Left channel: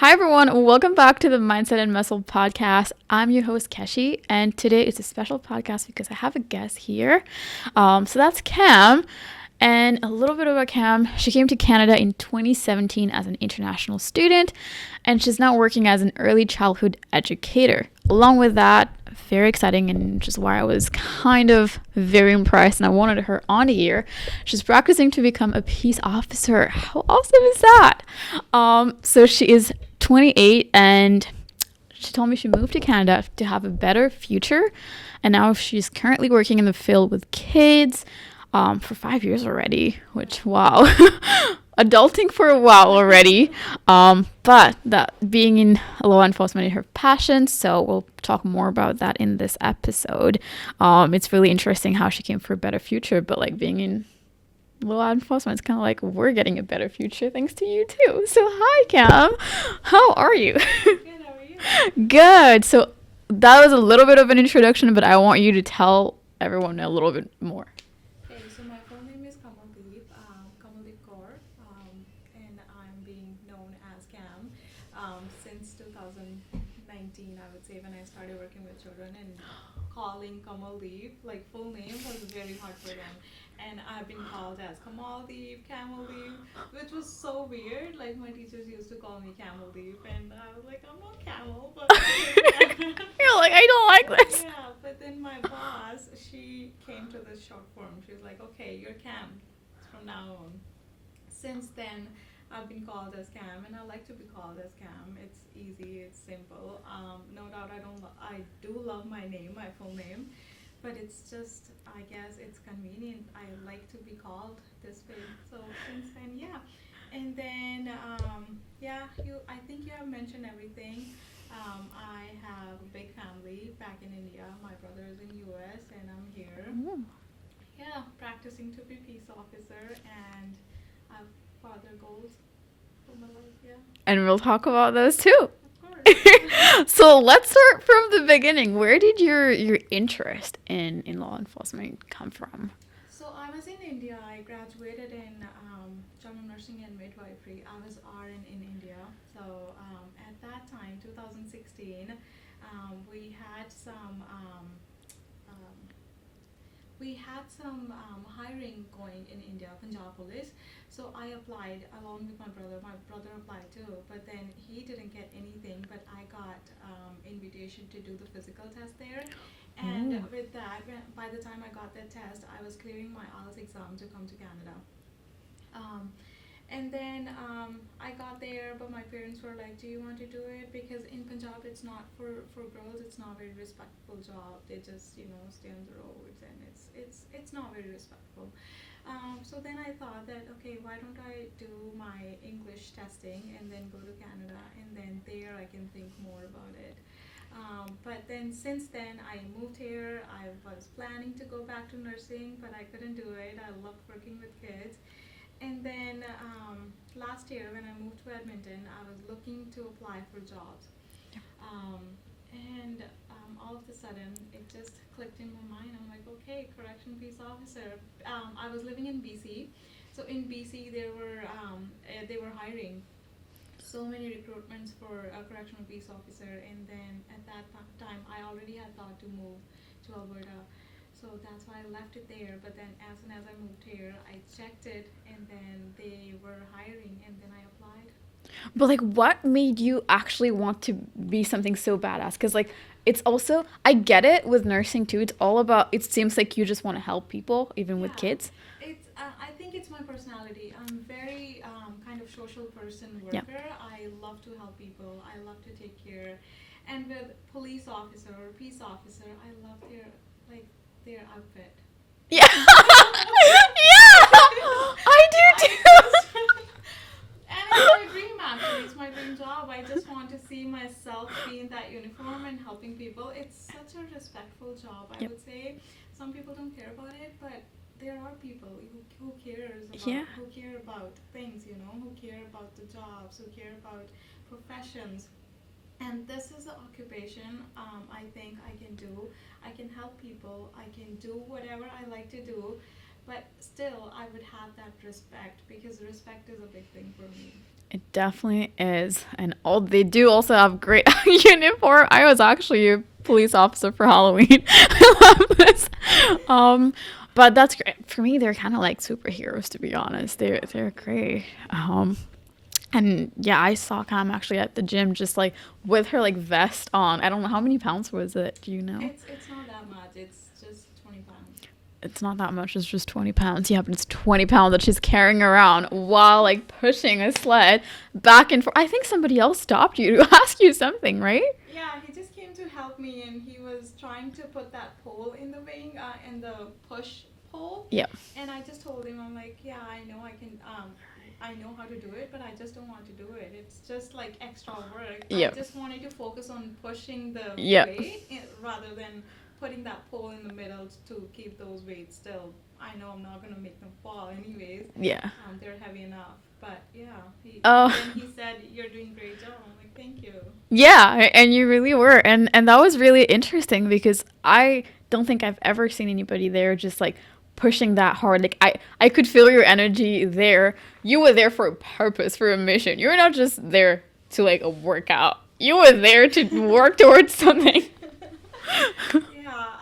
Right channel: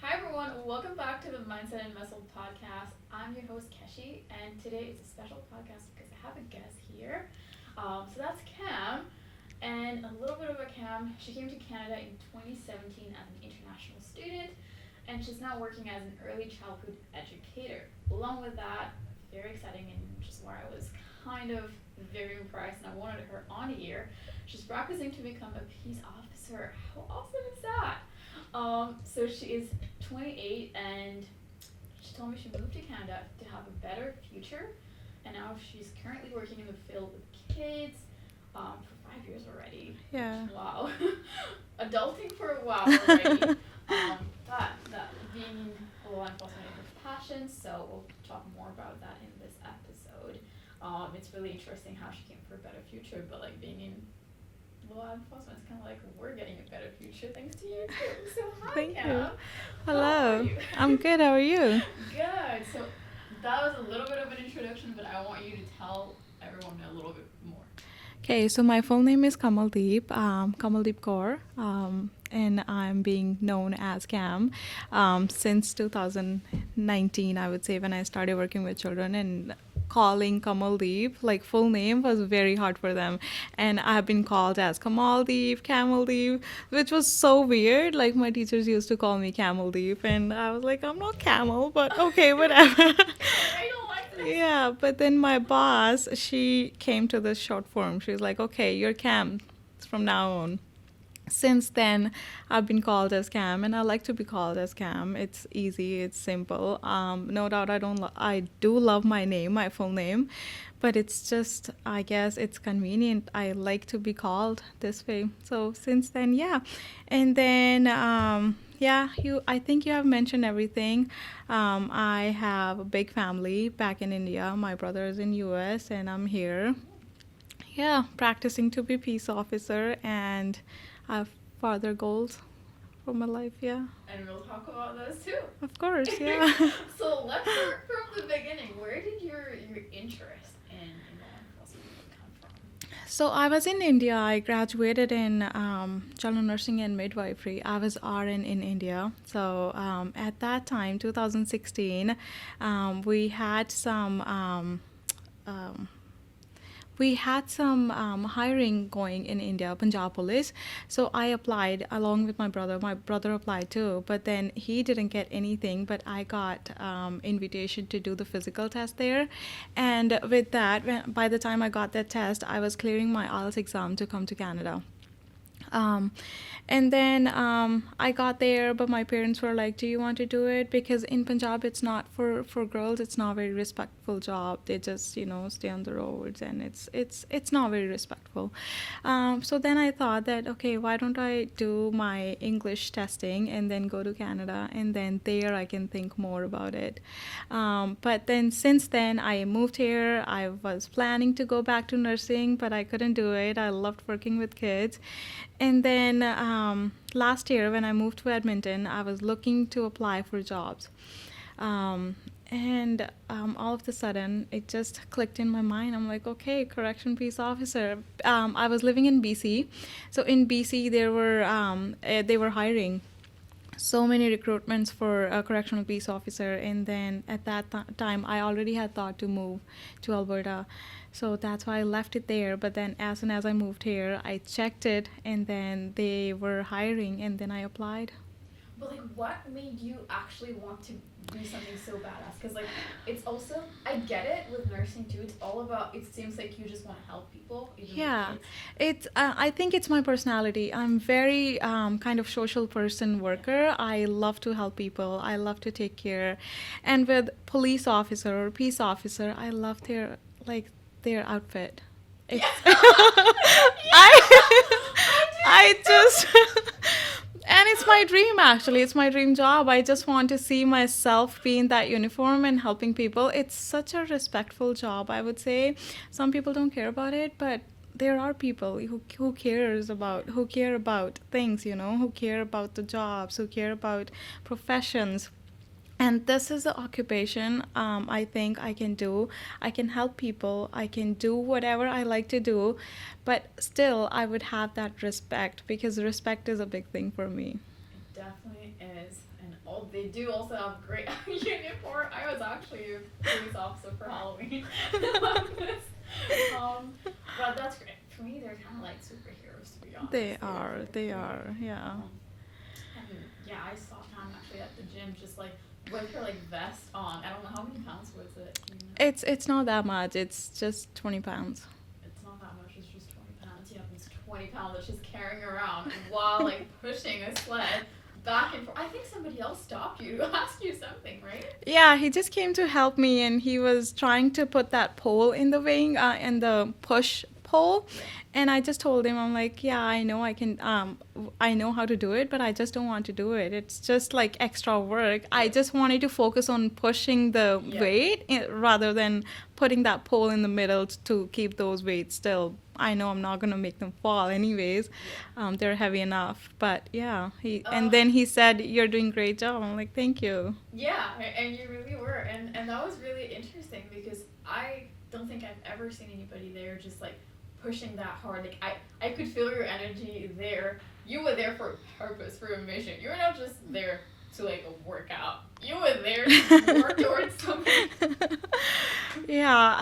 Hi, everyone. Welcome back to the Mindset and Muscle podcast. I'm your host, Keshi, and today is a special podcast because I have a guest here. So that's Cam. And a little bit about Cam. She came to Canada in 2017 as an international student, and she's now working as an early childhood educator. Along with that, very exciting and just why I was kind of very impressed and I wanted her on here. She's practicing to become a peace officer. How awesome is that? So she is 28 and she told me she moved to Canada to have a better future. And now she's currently working in the field with kids for 5 years already, which, wow. Adulting for a while already. But that being in law enforcement is her passion, so we'll talk more about that in this episode. It's really interesting how she came for a better future, but like being in law enforcement, it's kind of like we're getting a better future thanks to you too. So hi, Cam. How are you? I'm good. How are you? Good. So that was a little bit of an introduction, but I want you to tell everyone a little bit more. Okay, so my full name is Kamaldeep, Kamaldeep Kaur, and I'm being known as Cam since 2019, I would say, when I started working with children, and calling Kamaldeep, like full name, was very hard for them. And I've been called as Kamaldeep, Kamaldeep, which was so weird. Like my teachers used to call me Kamaldeep, and I was like, I'm not Camel, but okay, whatever. You're like, I don't like this. Yeah, but then my boss, she came to this short form. She was like, okay, you're Cam from now on. Since then, I've been called as Cam, and I like to be called as Cam. It's easy, it's simple. No doubt, I do love my name, my full name, but it's just, I guess, it's convenient. I like to be called this way. So since then, yeah, and then yeah, I think you have mentioned everything. I have a big family back in India. My brother is in US, and I'm here. Yeah, practicing to be peace officer, and I have further goals for my life. Yeah, And we'll talk about those too. of course. Yeah. So let's start from the beginning. Where did your interest in law enforcement come from? So I was in India. I graduated in general nursing and midwifery. I was RN in India. So at that time, 2016, we had some hiring going in India, Punjab Police. So I applied along with my brother. My brother applied too, but then he didn't get anything. But I got invitation to do the physical test there, and with that, by the time I got that test, I was clearing my IELTS exam to come to Canada. Um, and then I got there, but my parents were like, "Do you want to do it?" Because in Punjab, it's not for girls. It's not a very respectful job. They just stay on the roads, and it's not very respectful. So then I thought that, okay, why don't I do my English testing and then go to Canada, and then there I can think more about it. But then since then I moved here. I was planning to go back to nursing, but I couldn't do it. I loved working with kids. And then last year, when I moved to Edmonton, I was looking to apply for jobs. And all of a sudden, it just clicked in my mind. I'm like, okay, correction peace officer. I was living in BC. So in BC, they were hiring so many recruitments for a correctional peace officer. And then at that time, I already had thought to move to Alberta. So that's why I left it there. But then as soon as I moved here, I checked it, and then they were hiring, and then I applied. But like, what made you actually want to be something so badass? Because like, it's also, I get it with nursing too. It's all about, it seems like you just want to help people, even with kids. It's. I think it's my personality. I'm very kind of social person, worker. Yeah. I love to help people. I love to take care. And with police officer or peace officer, I love their outfit. Yeah. Yeah. I do too. I just and it's my dream, actually. It's my dream job. I just want to see myself be in that uniform and helping people. It's such a respectful job, I would say. Some people don't care about it, but there are people who who care about things, who care about the jobs, who care about professions. And this is the occupation I think I can do. I can help people. I can do whatever I like to do. But still, I would have that respect, because respect is a big thing for me. It definitely is. And all they do also have great uniform. I was actually a police officer for Halloween. I love this. But that's great. For me, they're kind of like superheroes, to be honest. They're They great. are, yeah. And yeah, I saw Cam actually at the gym just like with her like vest on. I don't know how many pounds was it. Do you know? It's not that much. It's just 20 pounds. It's not that much. It's just 20 pounds. Yeah, but it's 20 pounds that she's carrying around while like pushing a sled back and forth. I think somebody else stopped you to ask you something, right? Yeah, he just came to help me, and he was trying to put that pole in the wing, in the push pole. Yeah. And I just told him, I'm like, yeah, I know I can, I know how to do it, but I just don't want to do it. It's just like extra work. I Yep. just wanted to focus on pushing the Yep. weight rather than putting that pole in the middle to keep those weights still. I know I'm not going to make them fall anyways. Yeah. They're heavy enough. But yeah, Oh. and then he said, you're doing a great job. I'm like, thank you. Yeah, and you really were. And that was really interesting because I don't think I've ever seen anybody there just like pushing that hard. Like I could feel your energy there. You were there for a purpose, for a mission. You were not just there to like a workout. You were there to work towards something. Yeah,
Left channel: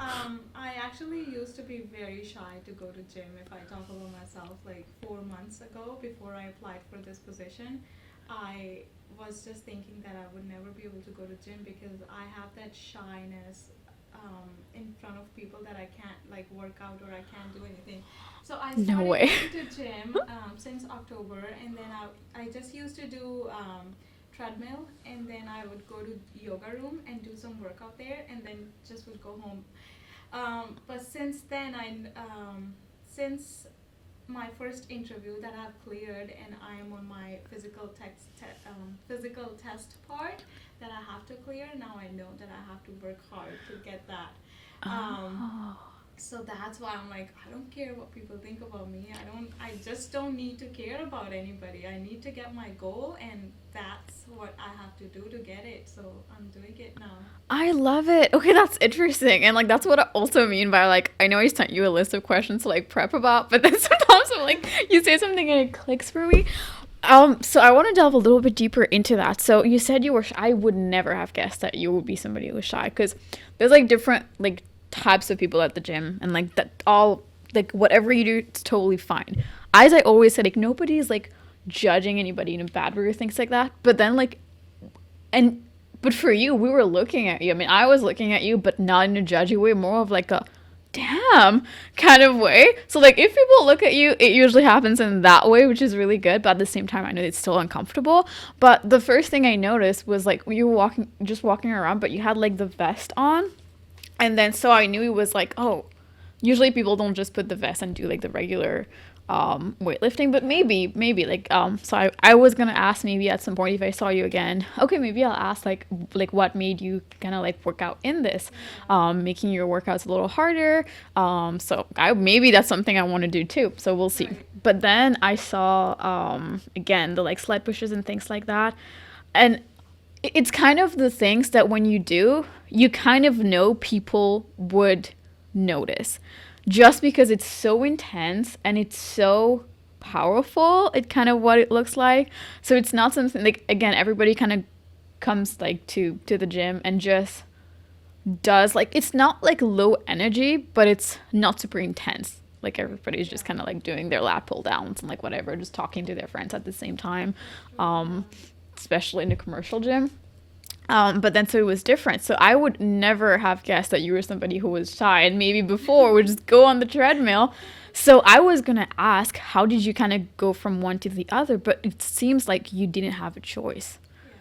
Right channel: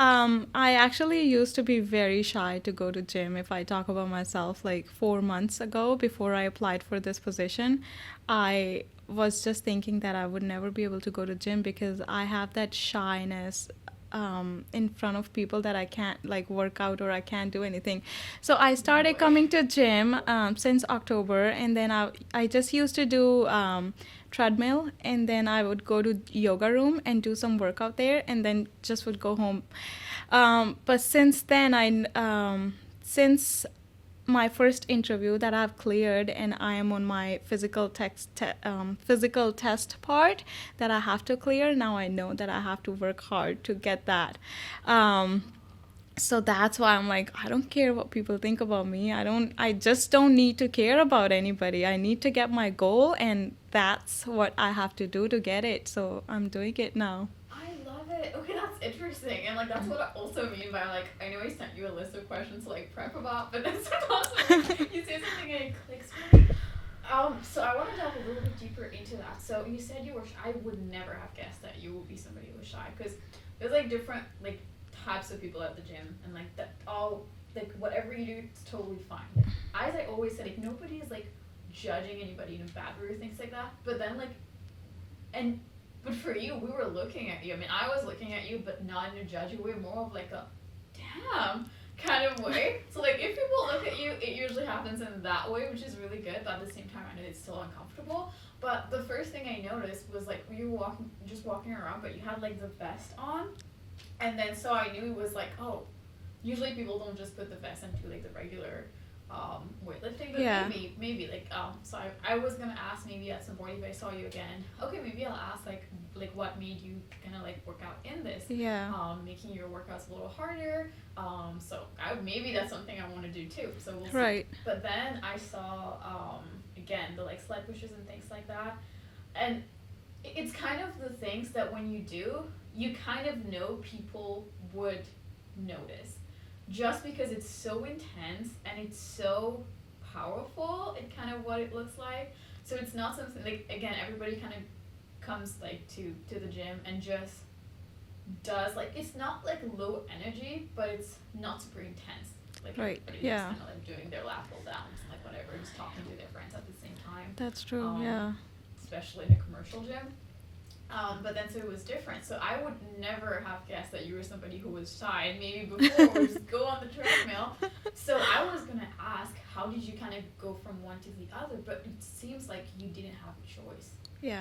I actually used to be very shy to go to gym. If I talk about myself, like 4 months ago, before I applied for this position, I was just thinking that I would never be able to go to gym because I have that shyness in front of people that I can't like work out or I can't do anything. So I started way. coming to gym since October, and then I just used to do treadmill, and then I would go to yoga room and do some workout there, and then just would go home. But since then, since my first interview that I've cleared, and I am on my physical test part that I have to clear. Now I know that I have to work hard to get that. So that's why I'm like, I don't care what people think about me. I just don't need to care about anybody. I need to get my goal, and that's what I have to do to get it. So I'm doing it now. I love it. Okay, that's interesting. And like that's what I also mean by like I know I sent you a list of questions to like prep about, but then sometimes I'm like you say something and it clicks for me. So I want to delve a little bit deeper into that. So you said you were shy. I would never have guessed that you would be somebody who was shy because there's like different like types of people at the gym, and like that all like whatever you do, it's totally fine. As I always said, like nobody's like judging anybody in a bad way or things like that. But then like and but for you, we were looking at you. I mean, I was looking at you, but not in a judgy way, more of like a damn kind of way. So like if people look at you, it usually happens in that way, which is really good. But at the same time, I know it's still uncomfortable. But the first thing I noticed was like you were walking around, but you had like the vest on. And then so I knew it was like, oh, usually people don't just put the vest and do like the regular weightlifting, but Yeah. maybe like so I was gonna ask maybe at some point if I saw you again, okay, maybe I'll ask like what made you kind of like work out in this, Yeah. making your workouts a little harder, so maybe that's something I want to do too, so we'll see. Right. But then I saw again the like sled pushes and things like that, and it's kind of the things that when you do, you kind of know people would notice just because it's so intense and it's so powerful. It kind of what it looks like. So it's not something like, again, everybody kind of comes like to the gym and just does like, it's not like low energy, but it's not super intense. Like Right, everybody's just yeah. kind of like doing their lat pull downs and like whatever, just talking to their friends at the same time. That's true. Um, especially in a commercial gym. But then so it was different. So I would never have guessed that you were somebody who was shy and maybe before would just go on the treadmill. So I was going to ask, how did you kind of go from one to the other? But it seems like you didn't have a choice. Yeah,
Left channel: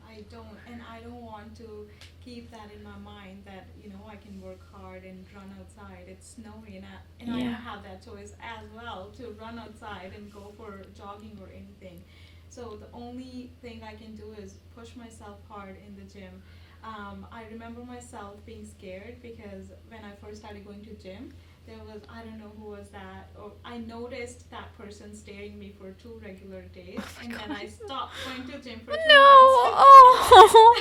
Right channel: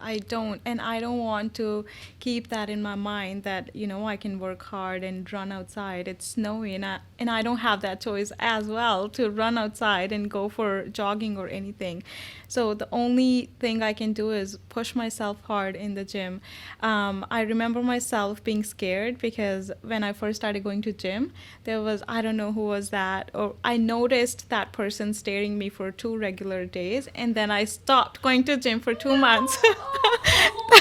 I don't, and I don't want to keep that in my mind that, I can work hard and run outside. It's snowy, and I don't have that choice as well to run outside and go for jogging or anything. So the only thing I can do is push myself hard in the gym. I remember myself being scared because when I first started going to gym, there was, I don't know who was that, or I noticed that person staring me for 2 regular days, and then I stopped going to gym for 2 months. Oh.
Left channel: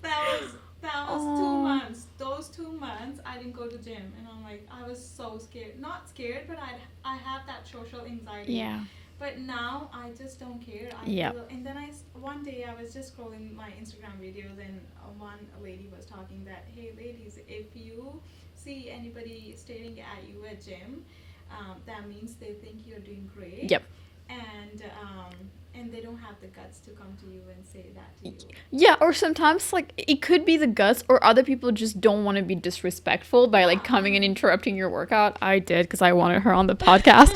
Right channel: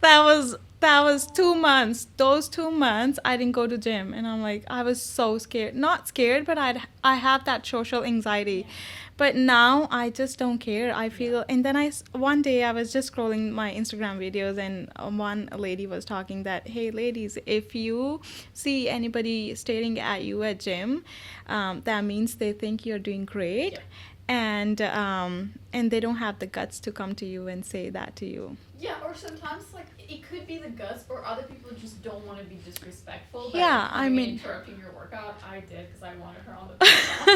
That was That was two Oh, months. Those 2 months, I didn't go to gym, and I'm like, I was so scared. Not scared, but I have that social anxiety. yeah. But now I just don't care. I Yeah. feel, and then one day I was just scrolling my Instagram videos, and one lady was talking that, hey, ladies, if you see anybody staring at you at gym, that means they think you're doing great, Yep. and they don't have the guts to come to you and say that to you. Yeah, or sometimes like it could be the guts, or other people just don't want to be disrespectful by like Yeah, I coming and mean, interrupting your workout. I did because I wanted her on the podcast.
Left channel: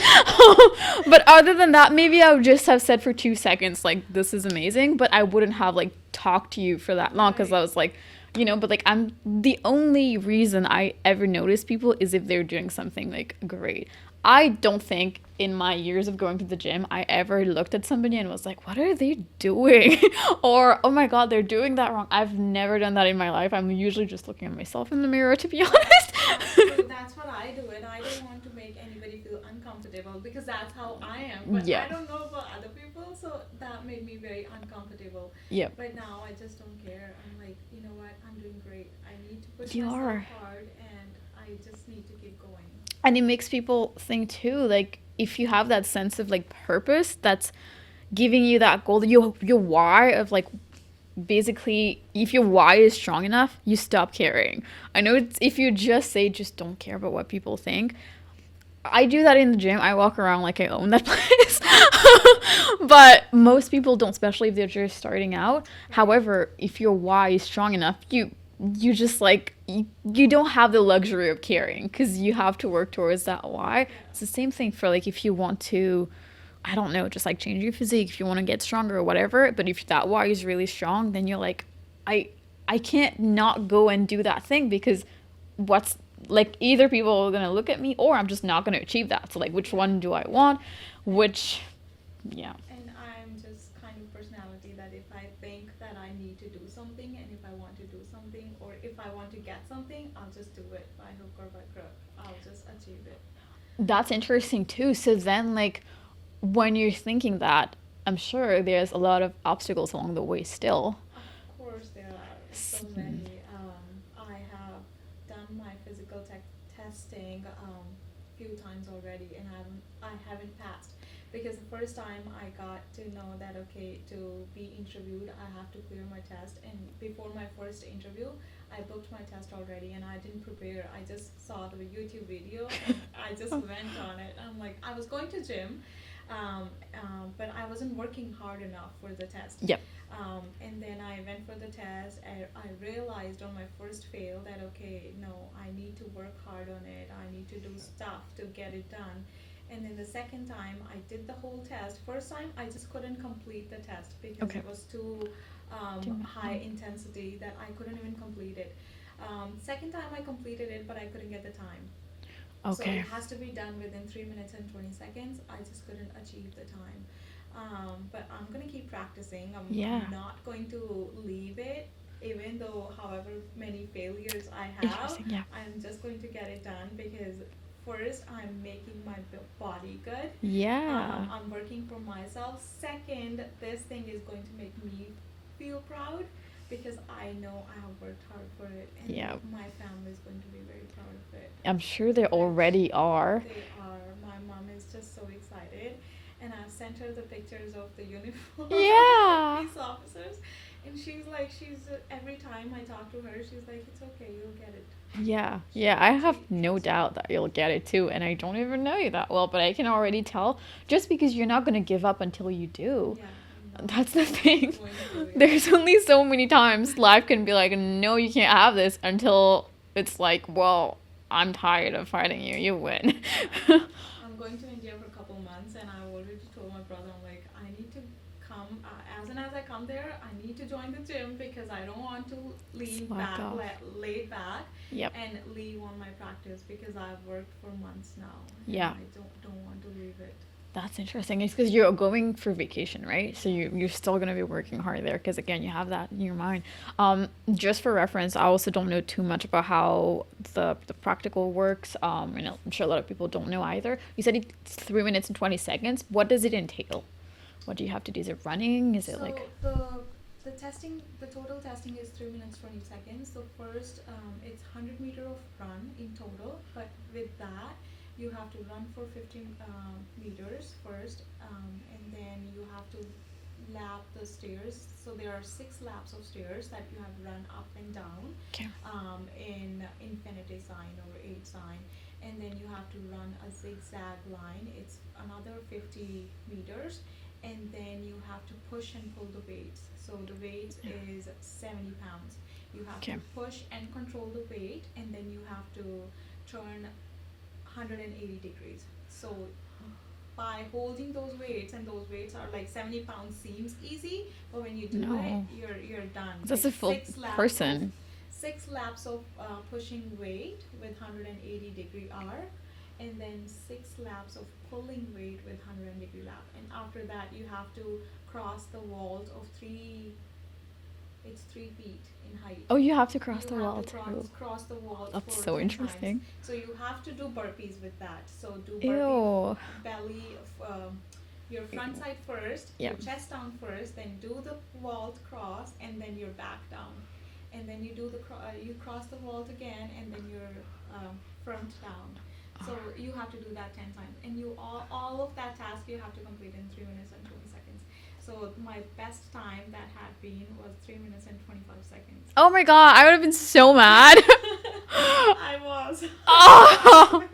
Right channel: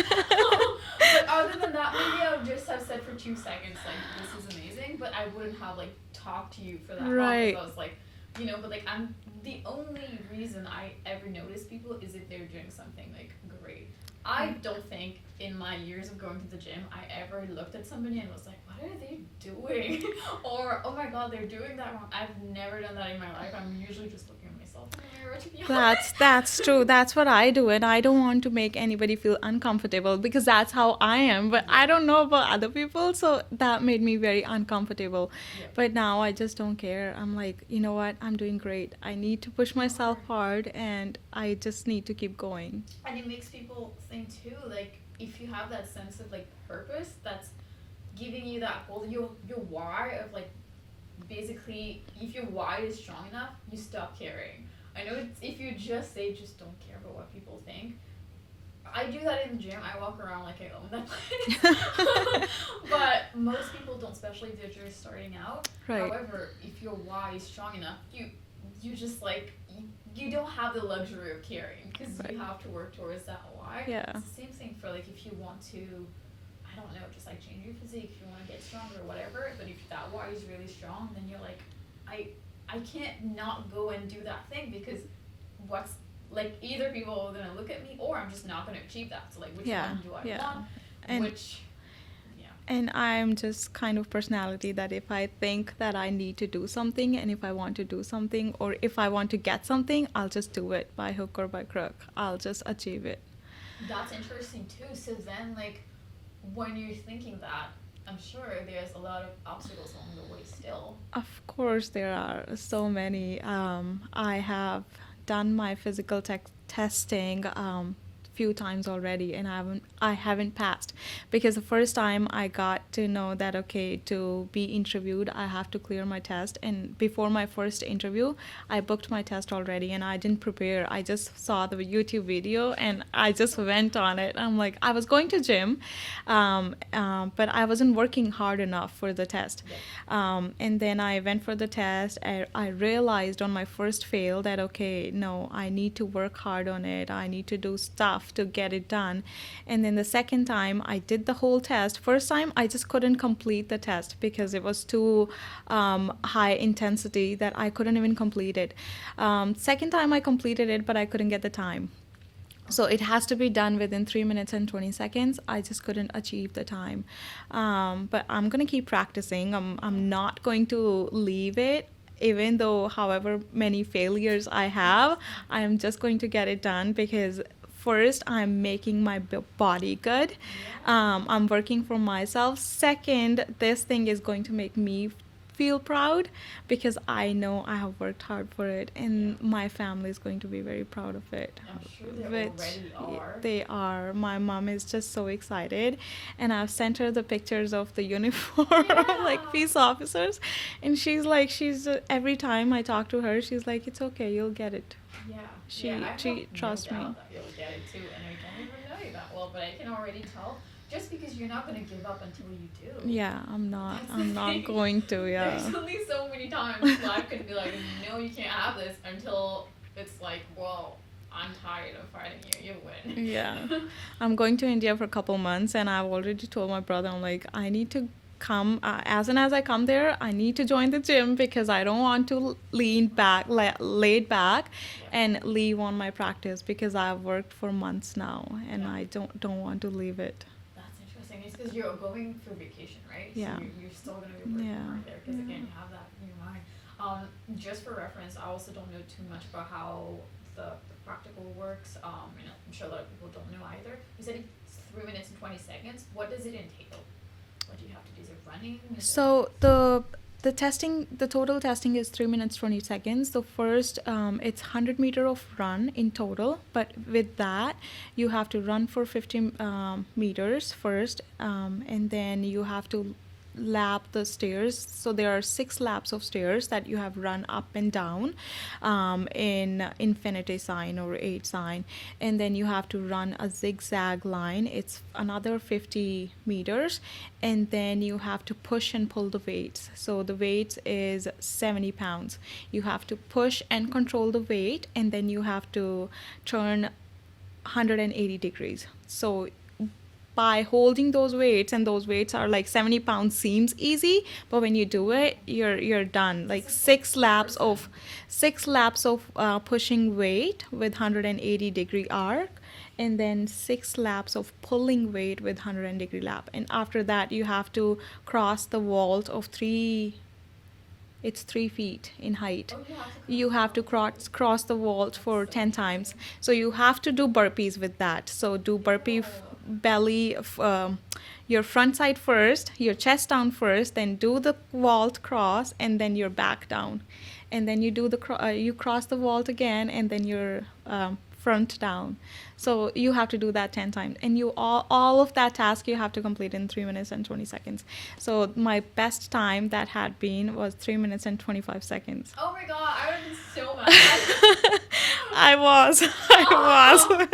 But other than that, maybe I would just have said for 2 seconds like this is amazing, but I wouldn't have like talked to you for that long because I right. was like, but like I'm the only reason I ever notice people is if they're doing something like great. I don't think in my years of going to the gym I ever looked at somebody and was like, what are they doing? Or, oh my God, they're doing that wrong. I've never done that in my life. I'm usually just looking at myself in the mirror, to be honest. That's true. That's what I do, and I don't want to make anybody feel uncomfortable because that's how I am. But Yeah. I don't know about other people, so that made me very uncomfortable. Yep. But now I just don't care. I'm like, you know what? I'm doing great. I need to push You myself are. hard, and I just need to keep going. And it makes people think too, like, if you have that sense of like purpose that's giving you that goal, your why of like basically if your why is strong enough, you stop caring. I know it's, if you just say just don't care about what people think, I do that in the gym. I walk around like I own that place. But most people don't, especially if they're just starting out. Right. However, if your why is strong enough, you just like you don't have the luxury of caring because you have to work towards that why. Yeah. It's the same thing for like if you want to, I don't know, just like change your physique, if you want to get stronger or whatever. But if that why is really strong, then you're like, I I can't not go and do that thing because what's like either people are gonna look at me or I'm just not gonna achieve that. So like which Yeah. one do I Yeah. want? And Which yeah. And I'm just kind of personality that if I think that I need to do something, and if I want to do something, or if I want to get something, I'll just do it by hook or by crook. I'll just achieve it. That's interesting too. So then like when you're thinking that, I'm sure there's a lot of obstacles along the way still. Of course, there are so many. I have done my physical testing few times already, and I haven't passed because the first time I got to know that okay, to be interviewed I have to clear my test, and before my first interview I booked my test already, and I didn't prepare. I just saw the YouTube video and I just went on it. I'm like, I was going to gym, but I wasn't working hard enough for the test. Yep. And then I went for the test. I realized on my first fail that okay, no, I need to work hard on it. I need to do stuff to get it done. And then the second time I did the whole test. First time I just couldn't complete the test because Okay. it was too high intensity that I couldn't even complete it. Second time I completed it, but I couldn't get the time. So Okay. it has to be done within 3 minutes and 20 seconds. I just couldn't achieve the time. But I'm going to keep practicing. Yeah. I'm not going to leave it. Even though, however many failures I have, Exactly. I'm just going to get it done because first, I'm making my body good. Yeah. I'm working for myself. Second, this thing is going to make me feel proud because I know I have worked hard for it, and Yeah. my family is going to be very proud of it. I'm sure they Which already are. They are. My mom is just so excited, and I've sent her the pictures of the uniform, Yeah. like peace officers, and she's every time I talk to her, she's like, "It's okay, you'll get it." Yeah, She- yeah, I have she no trusts doubt me. that you'll get it too, and I don't even know you that well, but I can already tell just because you're not gonna give up until you do. Yeah, I'm not. That's the I'm thing. not going to. Yeah. There's only so many times life can be like, no, you can't have this until it's like, well, I'm tired of fighting you. You win. Yeah. I'm going to India for a couple months, and I've already told my brother, I'm like, I need to come. As soon as I come there, I need to join the gym because I don't want to lean Wow. back, laid back, Yep. and leave on my practice because I've worked for months now, and Yeah. I don't want to leave it. That's interesting. It's because you're going for vacation, right? So Yeah. you're still going to be working Yeah. hard there because, again, you have that in your mind. Just for reference, I also don't know too much about how the practical works. And I'm sure a lot of people don't know either. You said it's 3 minutes and 20 seconds. What does it entail? What do you have to do? Is it running? Is it So like... the The total testing is 3 minutes 20 seconds. The first, it's 100 meter of run in total, but with that, you have to run for 50 meters first, and then you have to lap the stairs. So there are 6 laps of stairs that you have run up and down, in infinity sign or 8 sign, and then you have to run a zigzag line. It's another 50 meters, and then you have to push and pull the weights. So the weight is 70 pounds. You have to Okay. push and control the weight, and then you have to turn 180 degrees. So by holding those weights, and those weights are like 70 pounds, seems easy, but when you do it, No. you're done. That's Like a full 6 laps of person. 6 laps of pushing weight with 180-degree arc, and then 6 laps of pulling weight with 100-degree lap, and after that you have to cross the vault of 3. It's 3 feet in height. Oh, you have to cross. You the have to wall, too. cross the vault That's for so 10 times. interesting. So you have to do burpees with that. So do burpee Ew. belly, your front side first, your Yeah. chest down first, then do the vault cross, and then your back down, and then you do you cross the vault again, and then your front down. So you have to do that 10 times, and you all of that task you have to complete in 3 minutes and 20 seconds. So my best time that had been was 3 minutes and 25 seconds. Oh my god, I would have been so mad. I was. Oh.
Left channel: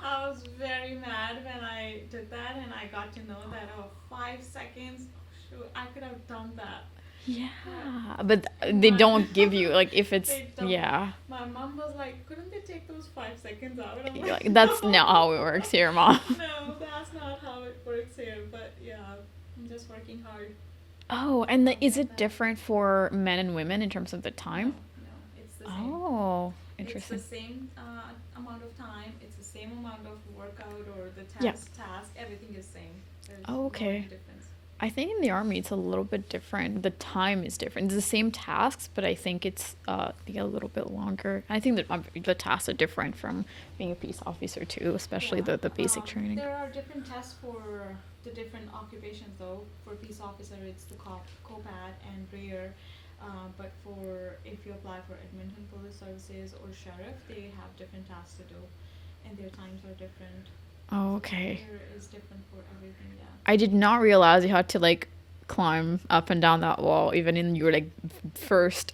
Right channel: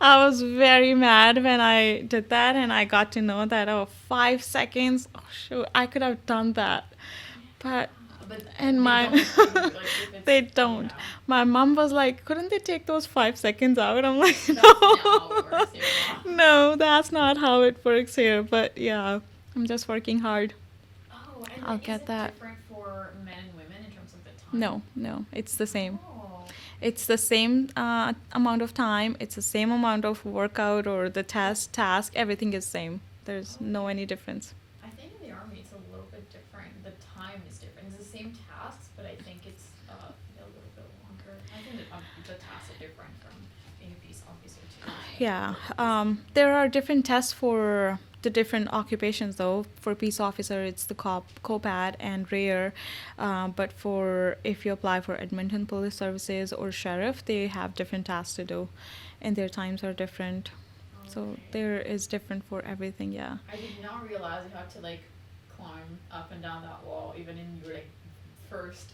I was very mad when I did that, and I got to know that 5 seconds. Oh shoot, I could have done that. But and they my- don't give you like if it's They don't. Yeah, My mom was like, "Couldn't they take those 5 seconds out?" I'm like, that's "No." not how it works here, Mom. No, that's not how it works here. But yeah, I'm just working hard. Oh, and I'll is get it that. different for men and women in terms of the time? No, it's the same. Oh, It's the same amount of time. It's the same amount of workout or the task. Everything is same. There's no Okay. any difference. I think in the army it's a little bit different. The time is different. It's the same tasks, but I think it's a little bit longer. I think that the tasks are different from being a peace officer too, especially the basic training. There are different tests for the different occupations though. For peace officer, it's the COPAD and rare. But for if you apply for Edmonton Police Services or sheriff, they have different tasks to do, and their times are different. Oh, So okay. there is different for everything. Yeah. I did not realize you had to like climb up and down that wall, even in your like first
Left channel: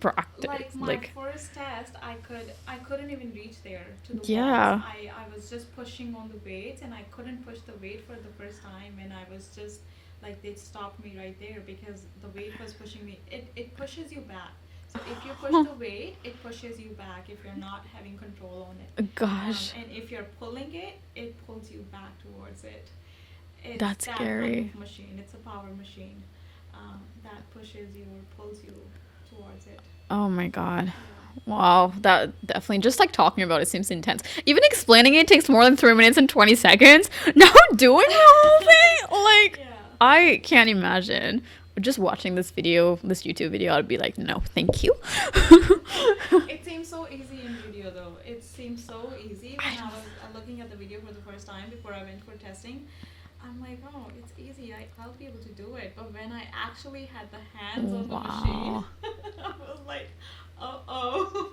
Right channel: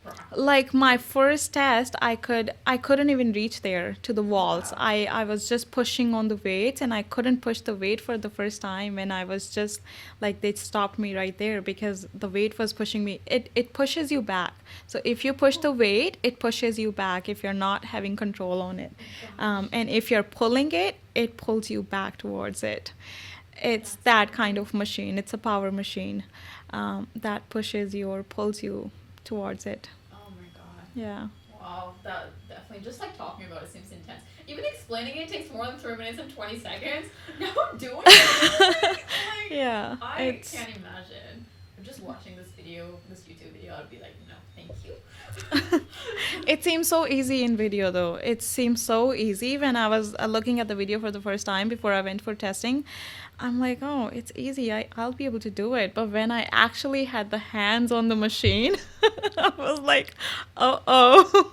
practice. Like my first test, I couldn't even reach there to the walls. Yeah. I was just pushing on the weights, and I couldn't push the weight for the first time, and I was just like, they stopped me right there because the weight was pushing me. It pushes you back. So if you push the weight, it pushes you back if you're not having control on it. Gosh. And if you're pulling it, it pulls you back towards it. It's That's that kind scary. of machine. It's a power machine that pushes you or pulls you towards it. Oh my god. Yeah. Wow, that definitely, just like talking about it seems intense. Even explaining it takes more than 3 minutes and 20 seconds. Now doing the whole thing, like, Yeah. I can't imagine. Just watching this YouTube video, I'd be like, no, thank you. It seems so easy in video though. It seems so easy when I was looking at the video for the first time before I went for testing. I'm like, oh, it's easy. I'll be able to do it. But when I actually had the hands on the machine, I was like, oh,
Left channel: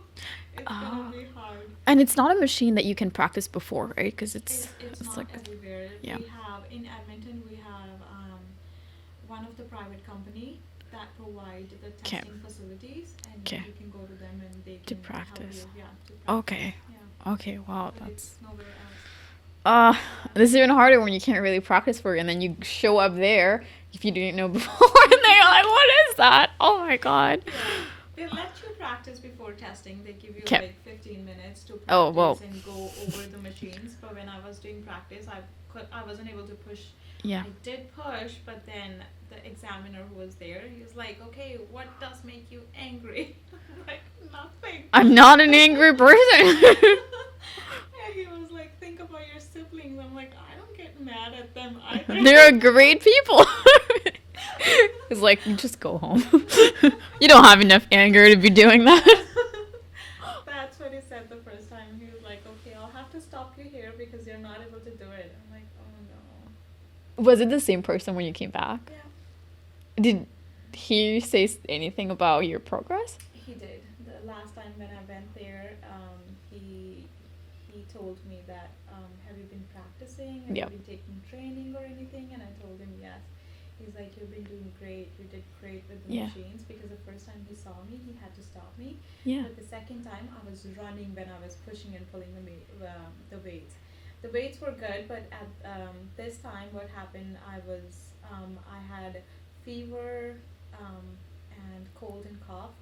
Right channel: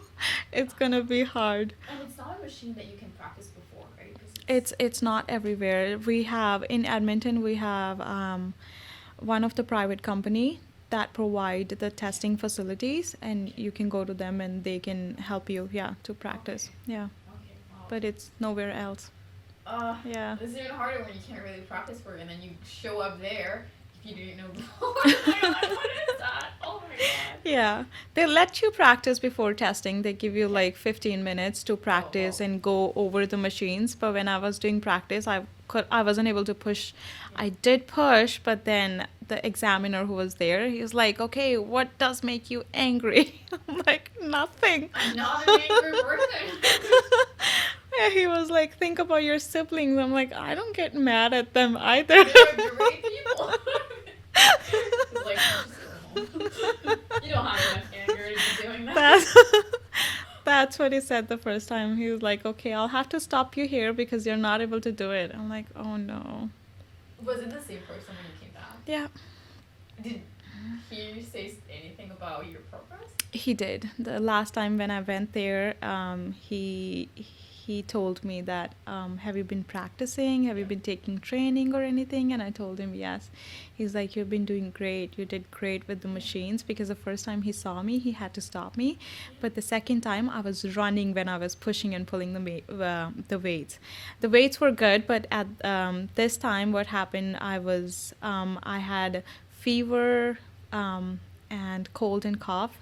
it's gonna be hard. And it's not a machine that you can practice before, right? Because It's not everywhere. We have in Edmonton, we have one of the private company that provide the testing facilities, and Okay. you can go to them and they can help you. practice. Yeah, to practice. Okay. Yeah, Okay, wow. but it's nowhere else. Yeah. Yeah. This is even harder when you can't really practice for it, and then you show up there if you didn't know before, and they're like, "What is that? Oh my god!" Yeah, they let you practice before testing. They give you 'Kay. like 15 minutes to Oh, practice whoa. and go over the machines. But when I was doing practice, I wasn't able to push. Yeah. I did push, but then the examiner who was there, he was like, "Okay, what does make you angry?" I'm like, "Nothing." I'm not an angry person. Yeah, he was like, "Think about your siblings." I'm like, "I don't get mad at them either." They're great people. It's like, just go home. You don't have enough anger to be doing that. That's what he said the first time. He was like, "Okay, I'll have to stop you here because you're not able to do it." I'm like, "Oh no." Was it the same person when you came back? Yeah. Did he says anything about your progress? He did. The last time when I went there, he told me that, have you been practicing? Have you Yep. been taking training or anything? And I told him yes. He's like, you've been doing great. You did great with the Yeah. machines, because the first time he saw me, he had to stop me. Yeah. But the second time, I was running when I was pushing and pulling the weights. The weights were good, but at this time, what happened? I had fever. And cold and cough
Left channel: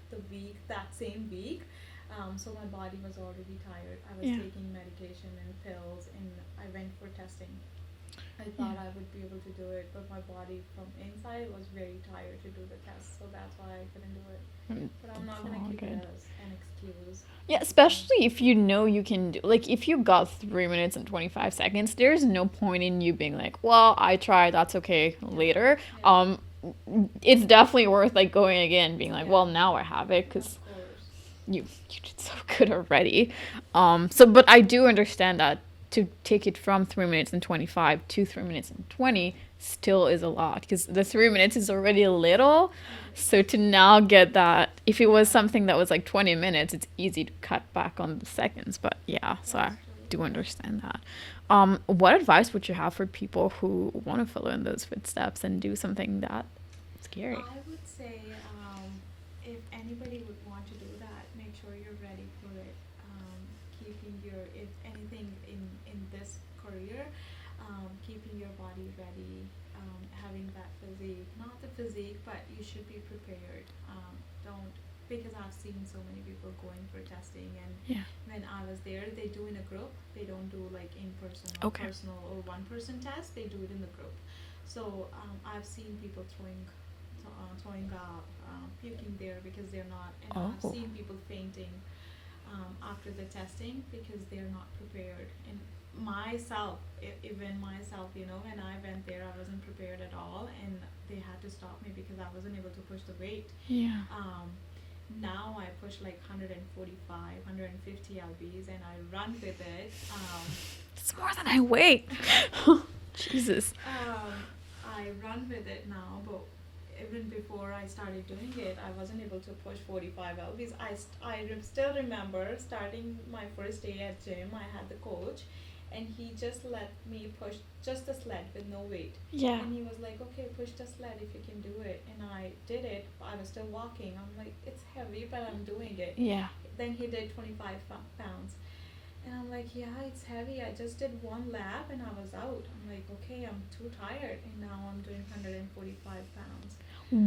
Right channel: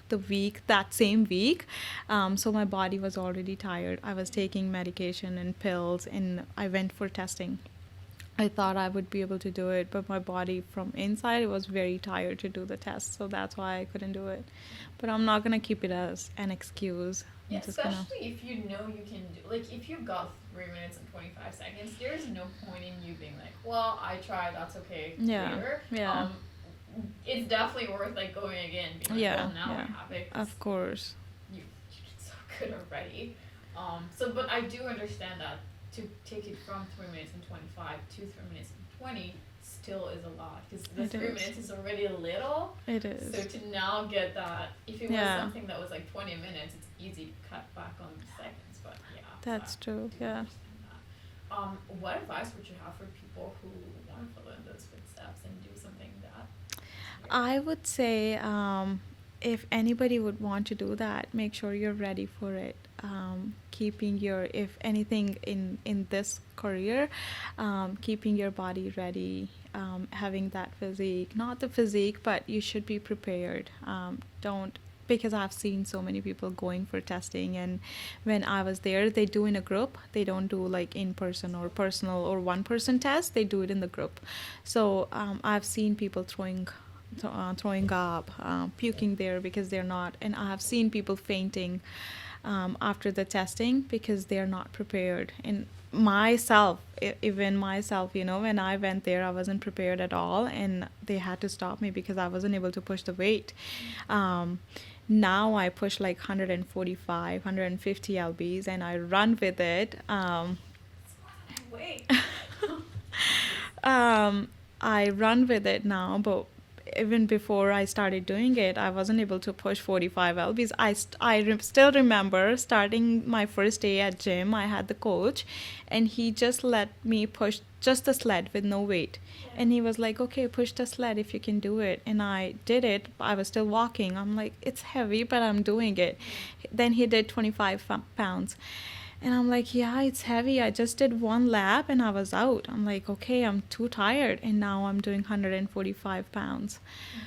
that same week, so my body was already tired. I was Yeah. taking medication and pills, and I went for testing. I thought I would be able to do it, but my body from inside, it was very tired to do the test, so that's why I couldn't do it. But I'm not gonna keep it Okay. as an excuse. Yeah, I'm just gonna- especially if you know you can do, like, if you got 3 minutes and 25 seconds, there's no point in you being like, well, I tried, that's okay, Yeah, later. yeah. It's definitely worth like going again, being like, Yeah, well, now I yeah. have it, because Of course. you did so good already. So but I do understand that to take it from 3 minutes and 25 to 3 minutes and 20 still is a lot, because the It 3 minutes is already a little. It is. So to now get that, if it was Yeah. something that was like 20 minutes, it's easy to cut back on the seconds. But yeah, so I That's true. do Yeah. understand that. What advice would you have for people who want to follow in those footsteps and do something that scary? I would say, if anybody would want to do that, make sure you're ready for it. Keeping your, if anything in this career, keeping your body ready, having that physique, not the physique, but you should be prepared. Don't, because I've seen so many people going for testing, and Yeah. when I was there, they do in a group. They don't do like in person or Okay. personal or one person test. They do it in the group. So I've seen people throwing up, puking there because they're not, and I have Oh. seen people fainting after the testing because they're not prepared. And myself, even myself, when I went there, I wasn't prepared at all, and they had to stop me because I wasn't able to push the weight. Yeah. Now I push like 145, 150 lbs, and I run with it. It's more than I weigh. Jesus. I run with it now, but even before I started doing it, I wasn't able to push 45 lbs. Still remember starting my first day at gym. I had the coach, and he just let me push just the sled with no weight. Yeah. And he was like, okay, push the sled if you can do it. And I did it. I was still walking. I'm like, it's heavy, but I'm doing it. Yeah. Then he did 25 pounds. And I'm like, yeah, it's heavy. I just did one lap and I was out. I'm like, okay, I'm too tired. And now I'm doing 145 pounds.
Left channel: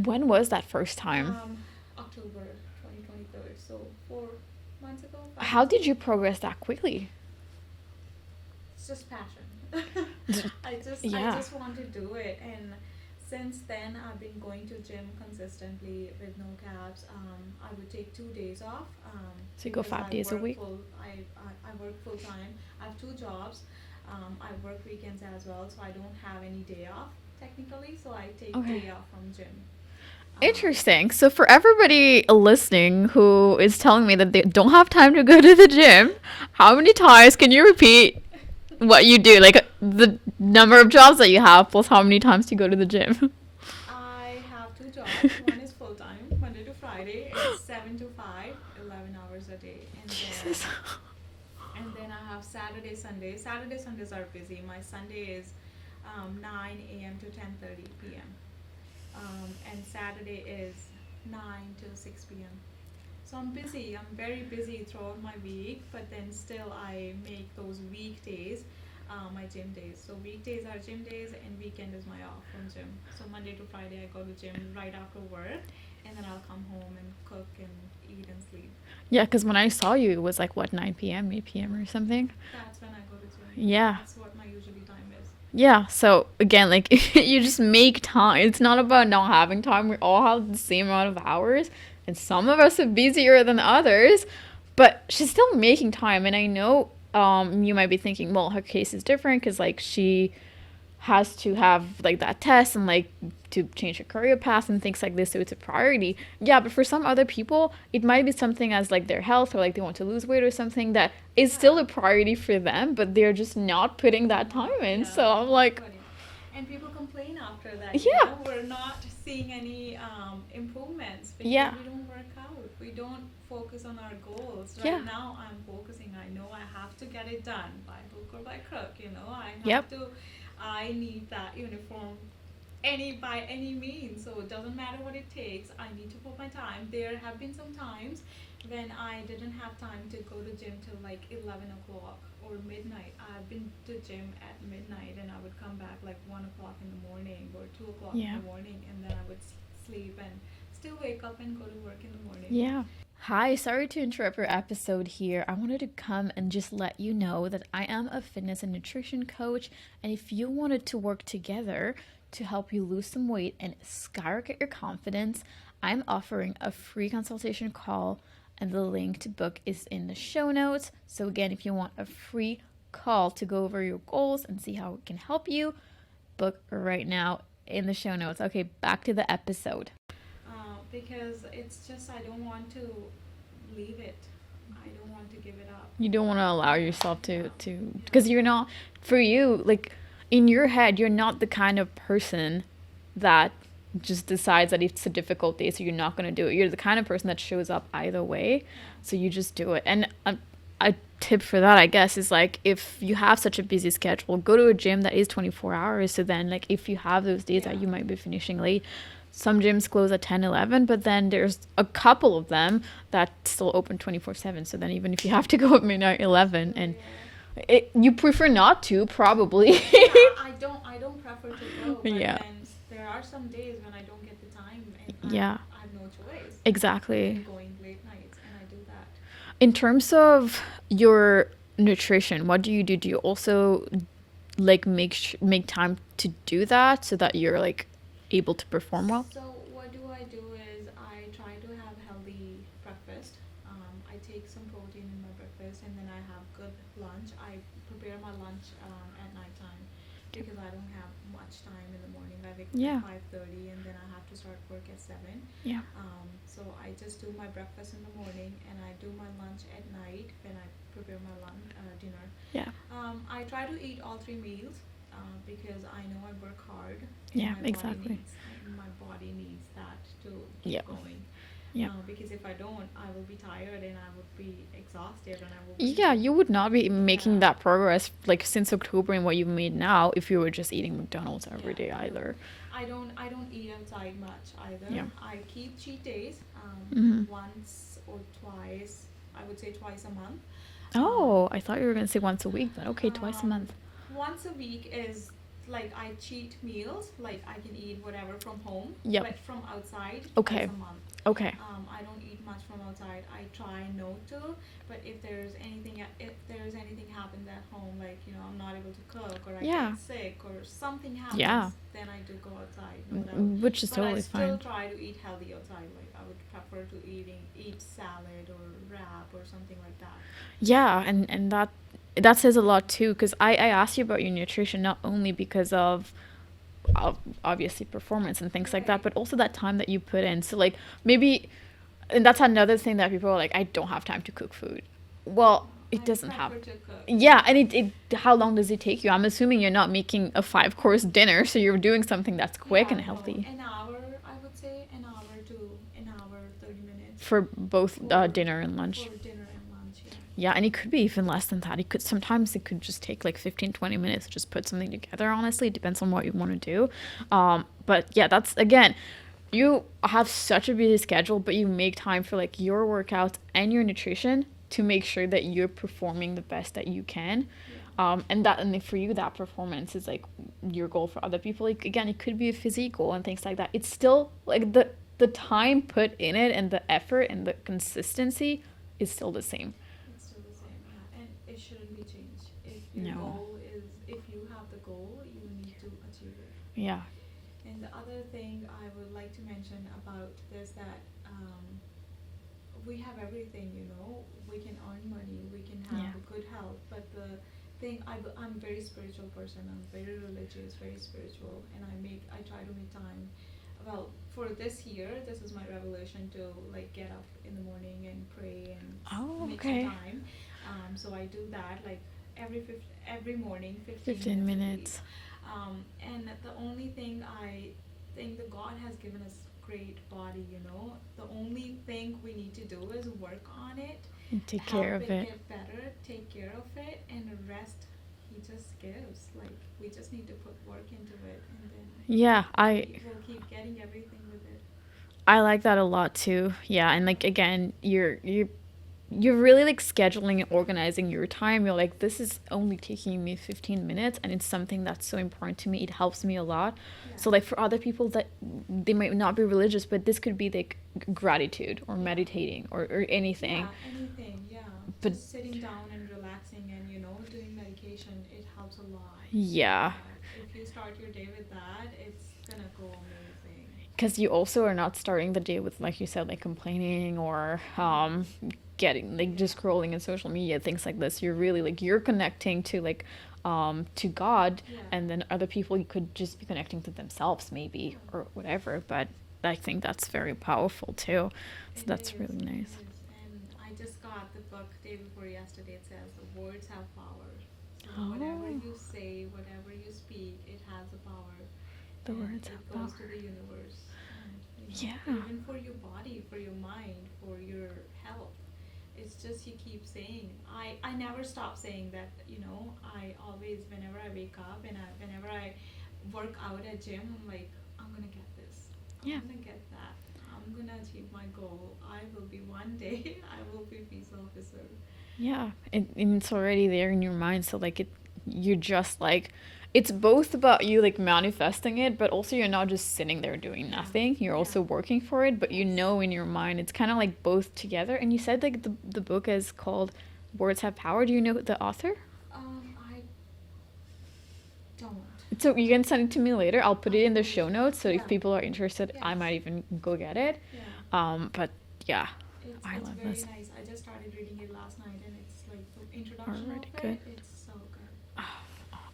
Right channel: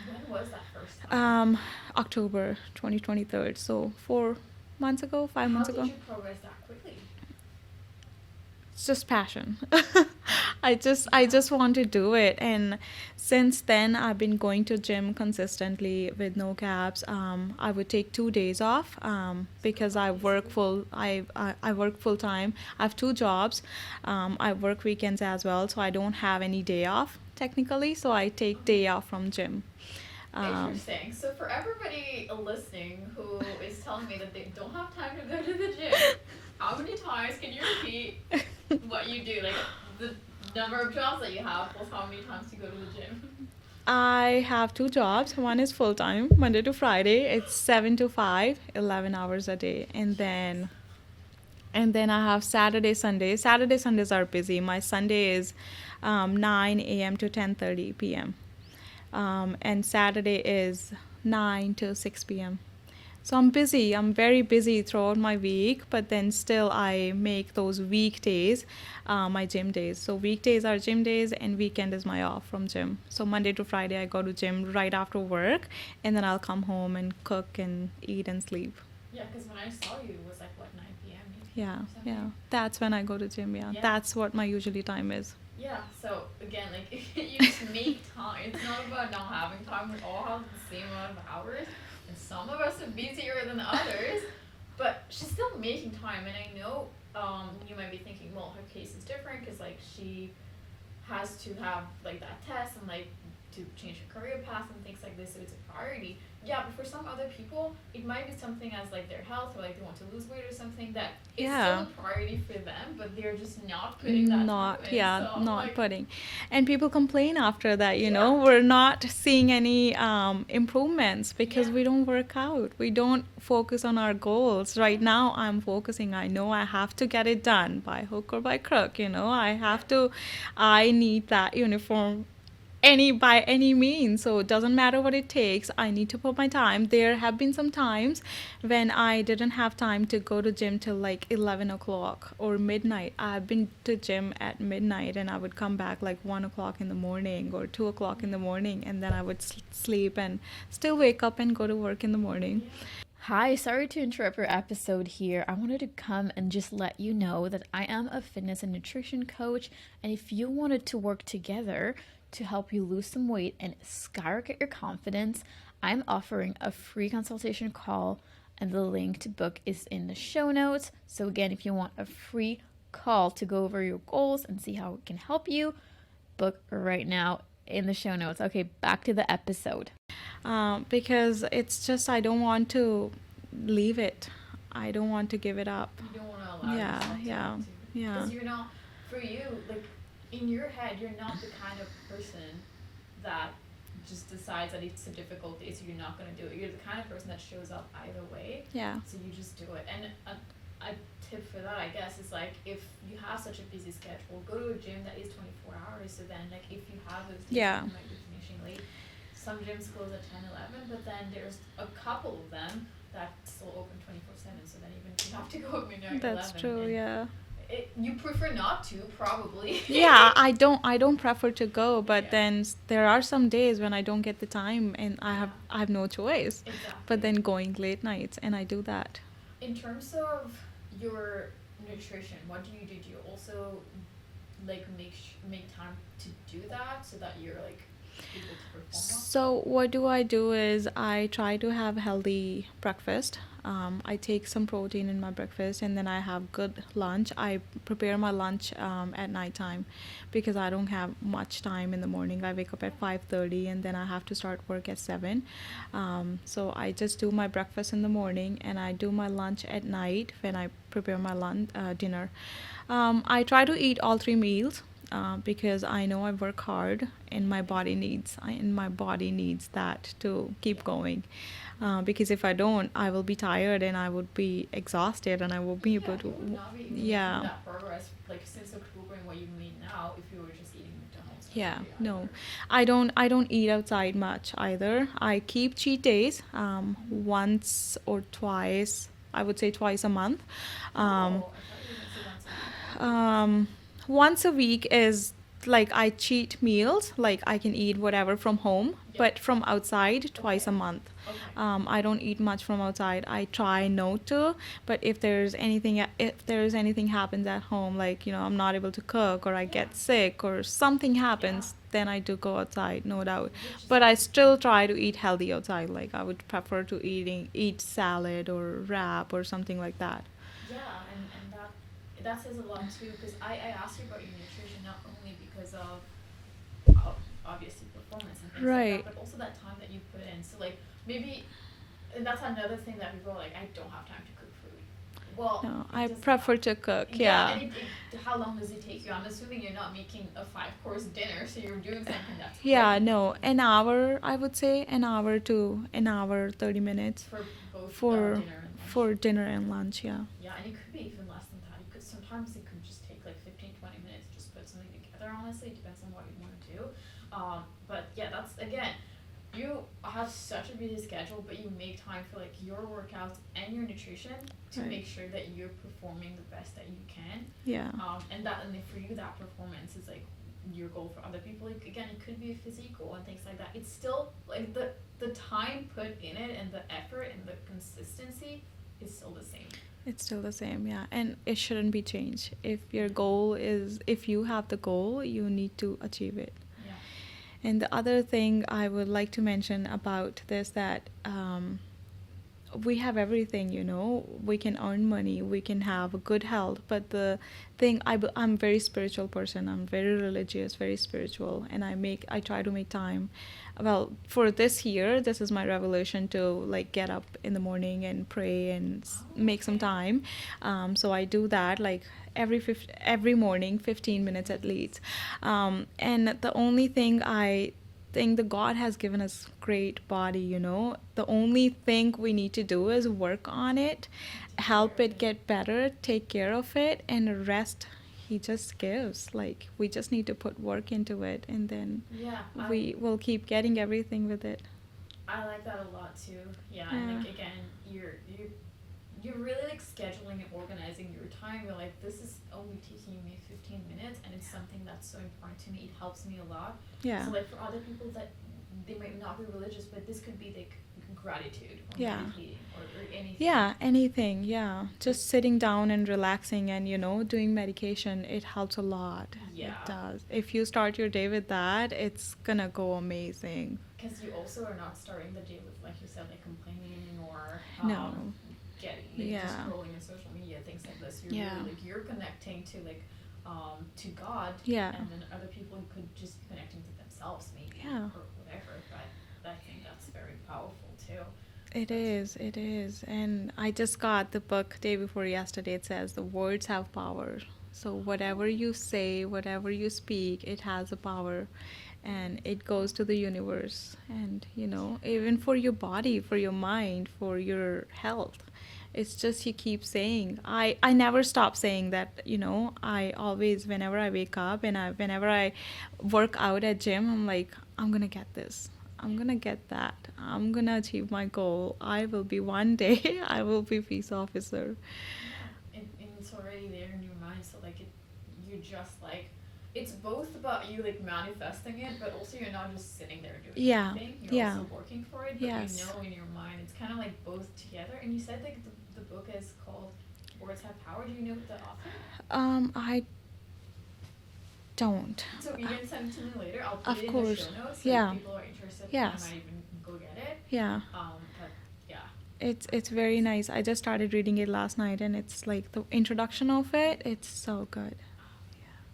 When was that first time? October 2023. So 4 months ago, 5 How months did ago. you progress that quickly? It's just passion. I Yeah. just want to do it, and since then I've been going to gym consistently with no gaps. I would take 2 days off So you go because 5 I days a work week? I work full time. I have two jobs. I work weekends as well, so I don't have any day off technically. So I take Okay. day off from gym. Interesting. So for everybody listening who is telling me that they don't have time to go to the gym, how many times can you repeat what you do? Like the number of jobs that you have plus how many times you go to the gym? I have two jobs. One is full time, Monday to Friday. It's 7 to 5, 11 hours a day, and then. Jesus. And then I have Saturday, Sunday. Saturday, Sundays are busy. My Sunday is 9 a.m. to 10:30 p.m. And Saturday is 9 to 6 p.m. So I'm busy. I'm very busy throughout my week, but then still I make those weekdays my gym days. So weekdays are gym days, and weekend is my off from gym. So Monday to Friday I go to gym right after work, and then I'll come home and cook and eat and sleep. Yeah, because when I saw you, it was like, what, 9 p.m., 8 p.m. or something? Yeah. That's when I go to gym. Yeah. Yeah. That's what my usually time is. Yeah, so again, like, you just make time. It's not about not having time. We all have the same amount of hours, and some of us are busier than others, but she's still making time. And I know you might be thinking, well, her case is different because, like, she has to have, like, that test and, like, to change your career path and things like this, so it's a priority. Yeah, but for some other people it might be something as like their health, or like they want to lose weight or something that is still a priority for them, but they're just not putting that time in. Yeah, So I'm not like, putting. And people complain after that, Yeah. we're not seeing any improvements because Yeah. we don't work out. We don't focus on our goals. Right Yeah. now, I'm focusing. I know I have to get it done by hook or by crook. I have Yep. to, I need that uniform by any means, so it doesn't matter what it takes. I need to put my time. There have been some times when I didn't have time to go to gym till like 11 o'clock or midnight. I've been to gym at midnight, and I would come back like 1 o'clock in the morning or 2 o'clock in Yeah. the morning, and then I would sleep and still wake up and go to work in the morning. Yeah. Hi, sorry to interrupt your episode here. I wanted to come and just let you know that I am a fitness and nutrition coach, and if you wanted to work together to help you lose some weight and skyrocket your confidence, I'm offering a free consultation call, and the link to book is in the show notes. So again, if you want a free call to go over your goals and see how it can help you, book right now in the show notes. Okay, back to the episode. Because it's just, I don't want to leave it. I don't want to give it up. You don't want to allow Yeah, yourself to yeah. because you're not, for you, like in your head, you're not the kind of person that just decides that it's a difficult day, so you're not going to do it. You're the kind of person that shows up either way. Yeah. So you just do it. And a tip for that, I guess, is like, if you have such a busy schedule, go to a gym that is 24 hours. So then, like, if you have those days that you might be finishing late, some gyms close at 10, 11, but then there's a couple of them that still open 24/7. So then even if you have to go at midnight, 11, true, and yeah. you prefer not to, probably. Yeah, I don't prefer to go, but Yeah. then there are some days when I don't get the time, and I have no choice. Exactly. But then going late nights, and I do that. In terms of your nutrition, what do you do? Do you also like make time to do that so that you're like able to perform well? So what do I do is I try to have healthy breakfast. I take some protein in my breakfast, and then I have good lunch. I prepare my lunch at nighttime because I don't have much time in the morning. I wake up at 5:30, and then I have to start work at 7. Yeah. So I just do my breakfast in the morning, and I do my lunch at night when I prepare my dinner. Yeah. I try to eat all 3 meals. Because I know I work hard, and my body needs that to keep going. Because if I don't, I will be tired and I would be exhausted, and I will be you would not be making that progress like since October and what you've made now if you were just eating McDonald's every day either. No. I don't eat outside much either. I keep cheat days once or twice. I would say twice a month. I thought you were going to say once a week. Okay, twice a month. Once a week is like I cheat meals, like I can eat whatever from home, but from outside twice a month. Okay. I don't eat much from outside. I try not to, but if there's anything happens at home, like I'm not able to cook, or I get sick, or something happens, then I do go outside, no doubt. Which is but I still fine. try to eat healthy outside. Like I would prefer to eat salad or wrap or something like that. Yeah, and that says a lot too, because I asked you about your nutrition not only because of obviously performance and things like that, but also that time that you put in. So like maybe, and that's another thing that people are like, I don't have time to cook food. Well, I prefer to cook. Yeah, and it how long does it take you? I'm assuming you're not making a 5-course dinner, so you're doing something that's quick and healthy. An hour, I would say, an hour to an hour 30 minutes for both dinner and lunch. For dinner and lunch, yeah. Yeah, and it could be even less than that. Sometimes it could just take like 15-20 minutes to just put something together. Honestly, it depends on what you want to do. But yeah, that's again, you have such a busy schedule, but you make time for like your workouts and your nutrition to make sure that you're performing the best that you can. Yeah. And for you, that performance is like your goal. For other people, like again, it could be a physique goal and things like that. It's still like the time put in it and the effort and the consistency is still the same. It's still the same, yeah. And it shouldn't be changed. If your goal is, if you have the goal, you need to achieve it. Yeah. And the other thing I would like to mention about this, that we have everything, you know. We can earn money, we can have Yeah. a good health, but the thing, I'm very spiritual person. I'm very religious, very spiritual, and I try to make time. Well, for this year, this is my revelation to like get up in the morning and pray and Oh, make some okay. time. So I do that like every morning, 15 15 minutes at least. minutes. And the only thing I think that God has given us great body, you know. The only thing we need to do is work on it, And take care help of it it. get better, take care of it, and the rest he just gives. Like we just need to put work into it, and then Yeah, we will keep getting everything with it. I like that a lot too. Yeah, and Yeah. like again, you're really like scheduling and organizing your time. You're like, this is only taking me 15 minutes and it's something that's so important to me. It helps me a lot. Yeah. So like for other people that they might not be religious, but this could be like gratitude or Yeah. meditating or anything. Yeah, anything. Yeah. But Just sitting down and relaxing and, you know, doing medication, it helps a lot. It yeah, does. If you start your day with that, it's gonna go amazing. because you also are not starting the day with, like you said, like complaining or No. getting like just Yeah. scrolling in social media, things like this. You're really Yeah. like you're connecting to God, Yeah. and then other people you could just be connecting to themselves maybe Yeah. or whatever. But I think that's very powerful too. So It that's is, really it nice. is. And I just got the book day before yesterday. It says the words have power. So whatever Oh, you say, whatever you speak, it has a power, the and words it have goes to power. the universe. And you know, Yeah. even for your body, for your mind, for your health. It's just you keep saying. I never stop saying that, you know. I always, whenever I wake up and whenever I work out at gym, I'm like, I'm gonna get this. I'm Yeah. gonna get that. I'm gonna achieve my goal. I will be one day. I will be peace officer. Yeah, and it's already there in your mind. So like you're just like, it's both about you like manifesting it, but also you're not just sitting there doing Yeah, nothing. You're yeah, also working for it, but you yes. know in your mind it's kind of like both together. And you said like the book is called Words Have Power. Do you know the author? I don't. So you can send it to me later. I'll put it Of in the show course. notes. So if Yeah. people are interested, I Yes. might even go get it. Yeah. But yeah, I It's love very this. nice. I just started reading it last night, and it's like the Oh, introduction really of good. it. It's so good.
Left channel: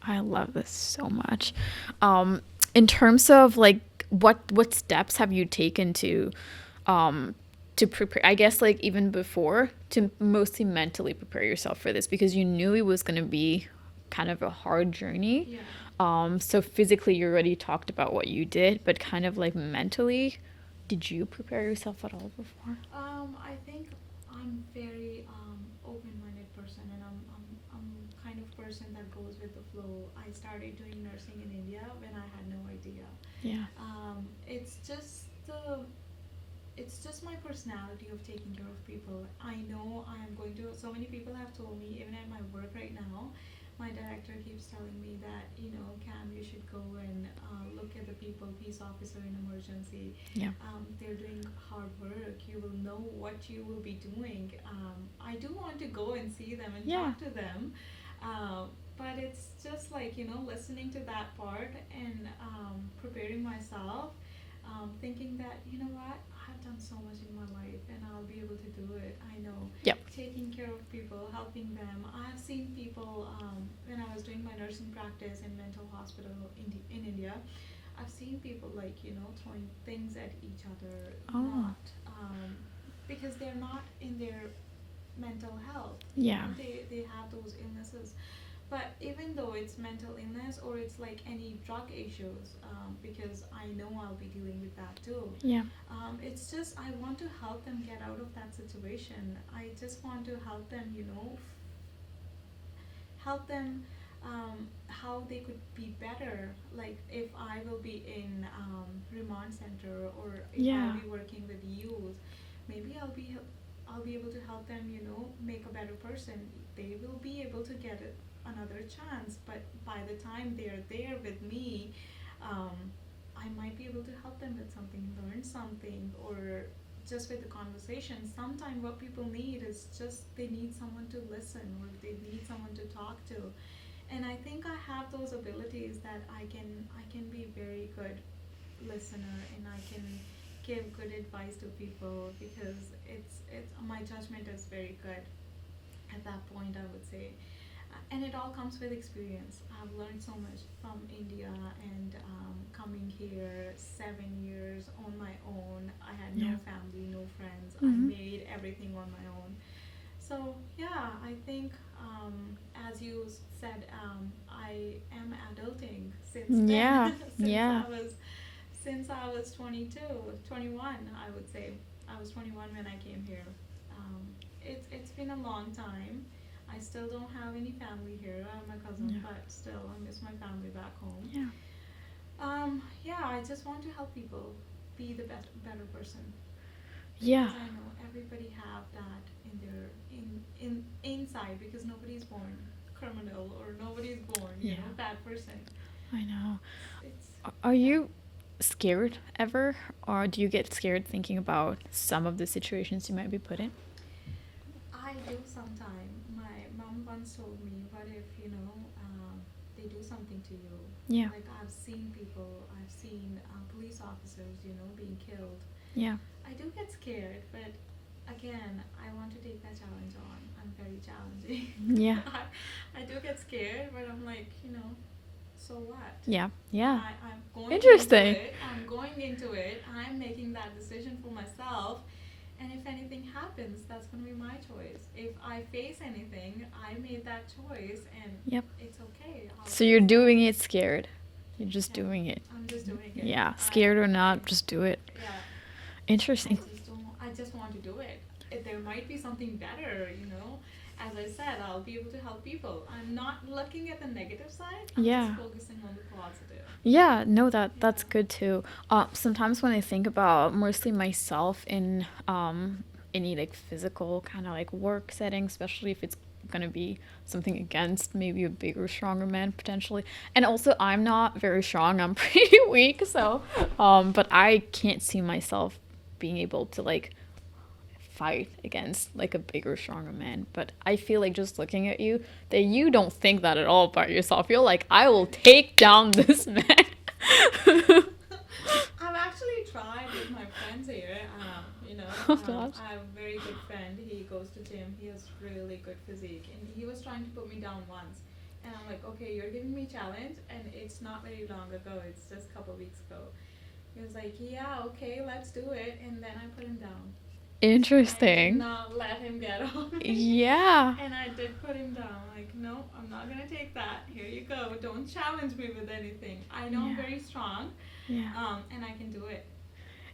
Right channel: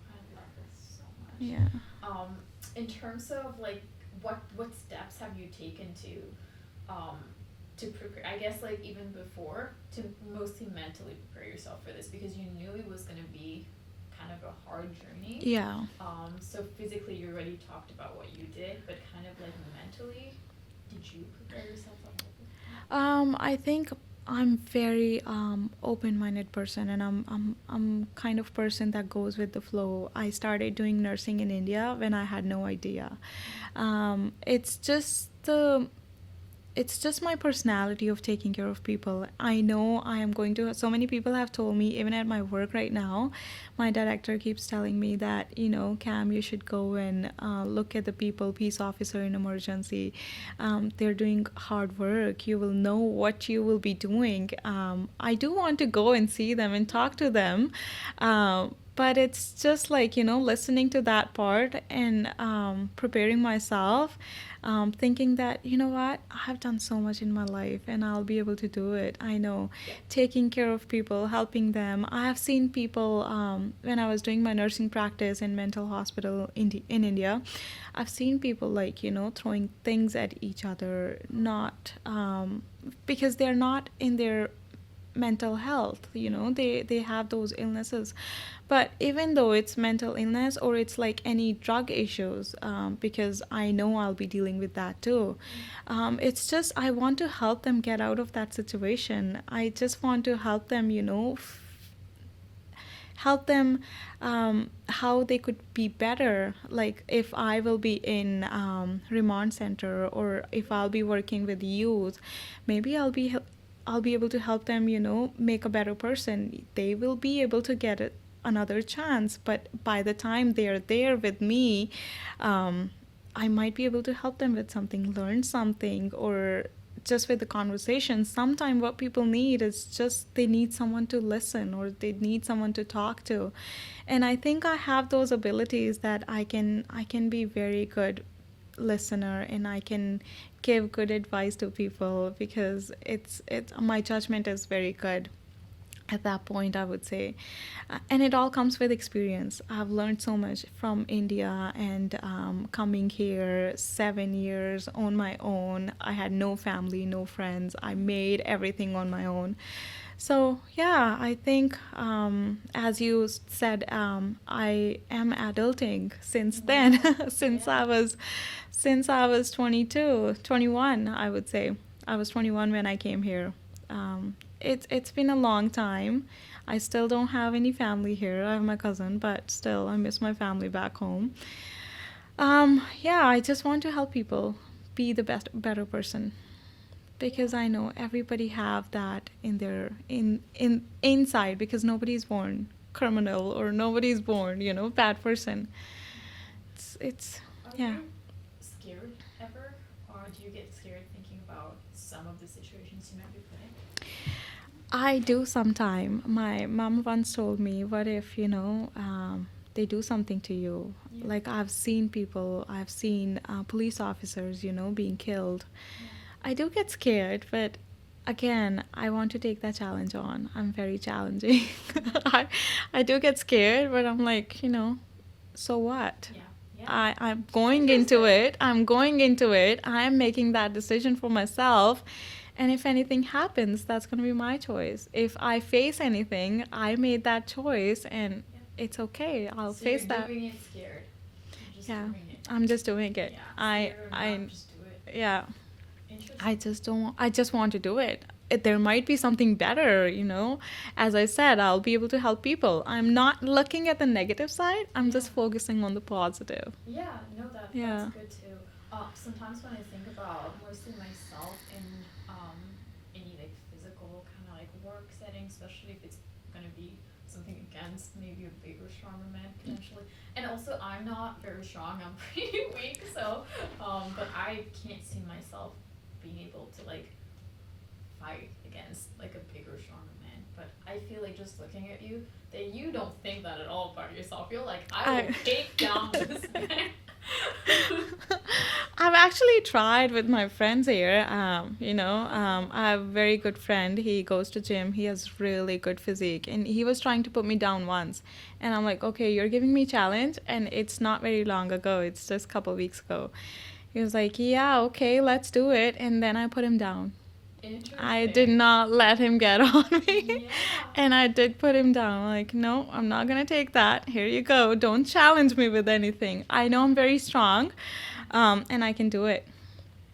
I love this so much. Yeah. Um, in terms of like what steps have you taken um to prepare, I guess like even before, to mostly mentally prepare yourself for this because you knew it was going to be kind of a hard journey. Yeah. So physically you already talked about what you did, but kind of like mentally, did you prepare yourself at all before? I think I'm very open-minded person, and I'm kind of person that goes with the flow. I started doing nursing in India when I had no idea. Yeah. It's just my personality of taking care of people. I know I am going to. So many people have told me, even at my work right now, my director keeps telling me that, you know, Cam, you should go and look at the people, peace officer in emergency. Yeah. They're doing hard work. You will know what you will be doing. I do want to go and see them and Yeah. talk to them. But it's just like, you know, listening to that part and preparing myself, thinking that, you know what, I've done so much in my life and I'll be able to do it. I know. Yep. Taking care of people, helping them. I have seen people when I was doing my nursing practice in mental hospital in India. I've seen people like, you know, throwing things at each other, Oh. not because they're not in their mental health, you Yeah. know, they have those illnesses. But even though it's mental illness or it's like any drug issues, because I know I'll be dealing with that too. Yeah. It's just I want to help them get out of that situation. I just want to help them, you know, help them how they could be better. Like if I will be in remand center, or if I'll Yeah. be working with youth, maybe I'll be able to help them, you know, make a better person. They will be able to get another chance, but by the time they're there with me, I might be able to help them with something, learn something, or just with the conversation. Sometimes what people need is just they need someone to listen, or they need someone to talk to. And I think I have those abilities that I can be very good listener, and I can give good advice to people because it's my judgment is very good at that point, I would say. And it all comes with experience. I've learned so much from India and coming here 7 years on my own. I had no Yeah. family, no friends. I Mm-hmm. made everything on my own. So yeah, I think as you said, I am adulting since Yeah. then. Yeah. Since I was 22, 21, I would say. I was 21 when I came here. It's been a long time. I still don't have any family here. I have my cousin, Yeah. but still I miss my family back home. Yeah. Yeah, I just want to help people be the better person Yeah. because I know everybody have that in their in inside because nobody's born criminal or nobody's born, Yeah. bad person. I know. It's Are yeah. you scared ever, or do you get scared thinking about some of the situations you might be put in? I do sometime. My mom once told me, what if, they do something to you? Yeah. Like I've seen police officers, being killed. Yeah. I do get scared, but again, I want to take that challenge on. I'm very challenging. Yeah. I do get scared, but I'm like, so what? Yeah. Yeah. I'm going into Interesting. it. I'm going into it. I'm making that decision for myself. And if anything happens, that's going to be my choice. If I face anything, I made that choice and Yep. it's okay. I'll So face you're that. doing it scared. You're just Yeah. doing it. I'm just doing it. Yeah. Scared or not, I just do it. yeah. Interesting. I just want to do it. There might be something better, As I said, I'll be able to help people. I'm not looking at the negative side. I'm just Yeah. focusing on the positive. Yeah, no, that's Yeah. good too. Sometimes when I think about mostly myself in any like physical kind of like work setting, especially if it's gonna be something against maybe a bigger, stronger man potentially. And also, I'm not very strong. I'm pretty weak, so but I can't see myself being able to like fight against like a bigger, stronger man. But I feel like just looking at you, that you don't think that at all about yourself. You're like, I will take down this man. I've actually tried with my friends here. I have a very good friend. He goes to gym. He has really good physique, and he was trying to put me down once. And I'm like, okay, you're giving me challenge, and it's not very long ago. It's just a couple weeks ago. He was like, yeah, okay, let's do it. And then I put him down. Interesting. I did not let him get on me. Yeah. And I did put him down. I'm like, no, I'm not going to take that. Here you go. Don't challenge me with anything. I know I'm very strong, and I can do it.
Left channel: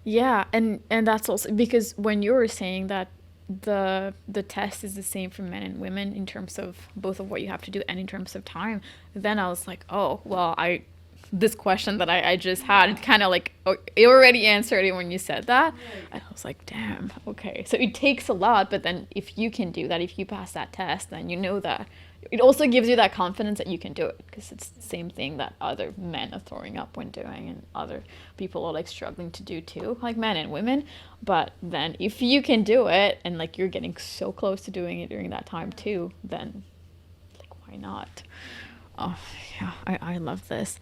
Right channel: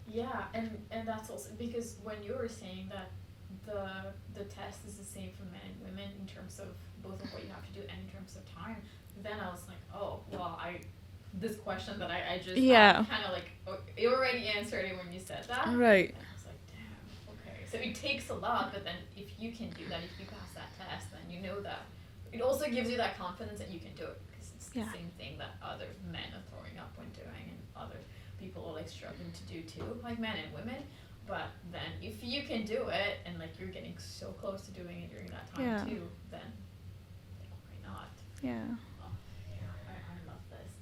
Yeah, and that's also because when you were saying that the test is the same for men and women in terms of both of what you have to do and in terms of time, then I was like, oh, well, this question that I just had kind of like, oh, you already answered it when you said that. Right. And I was like, damn, okay. So it takes a lot, but then if you can do that, if you pass that test, then you know that. It also gives you that confidence that you can do it because it's the same thing that other men are throwing up when doing and other people are like struggling to do too, like men and women. But then if you can do it and like you're getting so close to doing it during that time too, then like why not? Yeah. Oh yeah, I love this.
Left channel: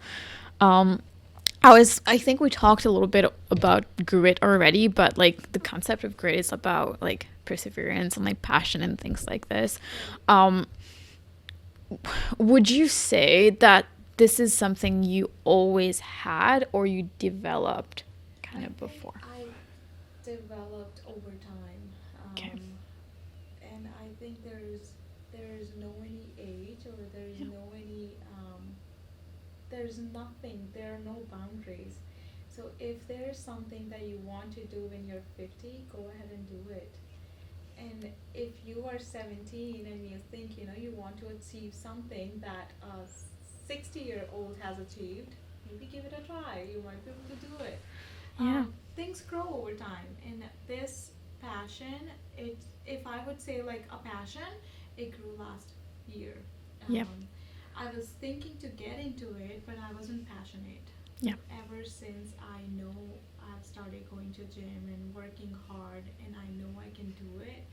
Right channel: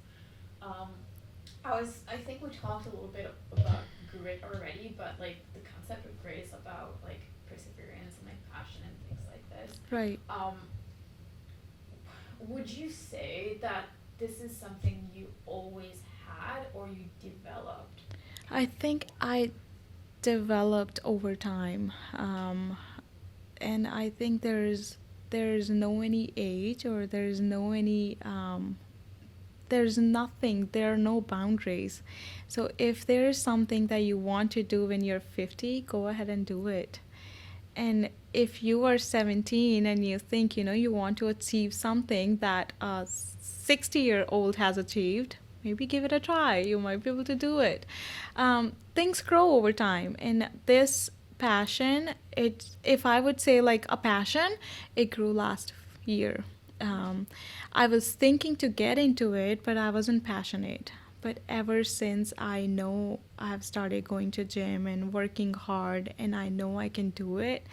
I think we talked a little bit about grit already, but like the concept of grit is about like perseverance and like passion and things like this. Right. Would you say that this is something you always had or you developed I think before? I developed over time. And I think there's no any age or there's no any there's nothing, there are no boundaries. So if there's something that you want to do when you're 50, go ahead and do it. And if you are 17 and you think, you want to achieve something that a 60-year-old has achieved, maybe give it a try. You might be able to do it. Things grow over time. And this passion, if I would say like a passion, it grew last year. I was thinking to get into it, but I wasn't passionate. But ever since I know I've started going to gym and working hard and I know I can do it,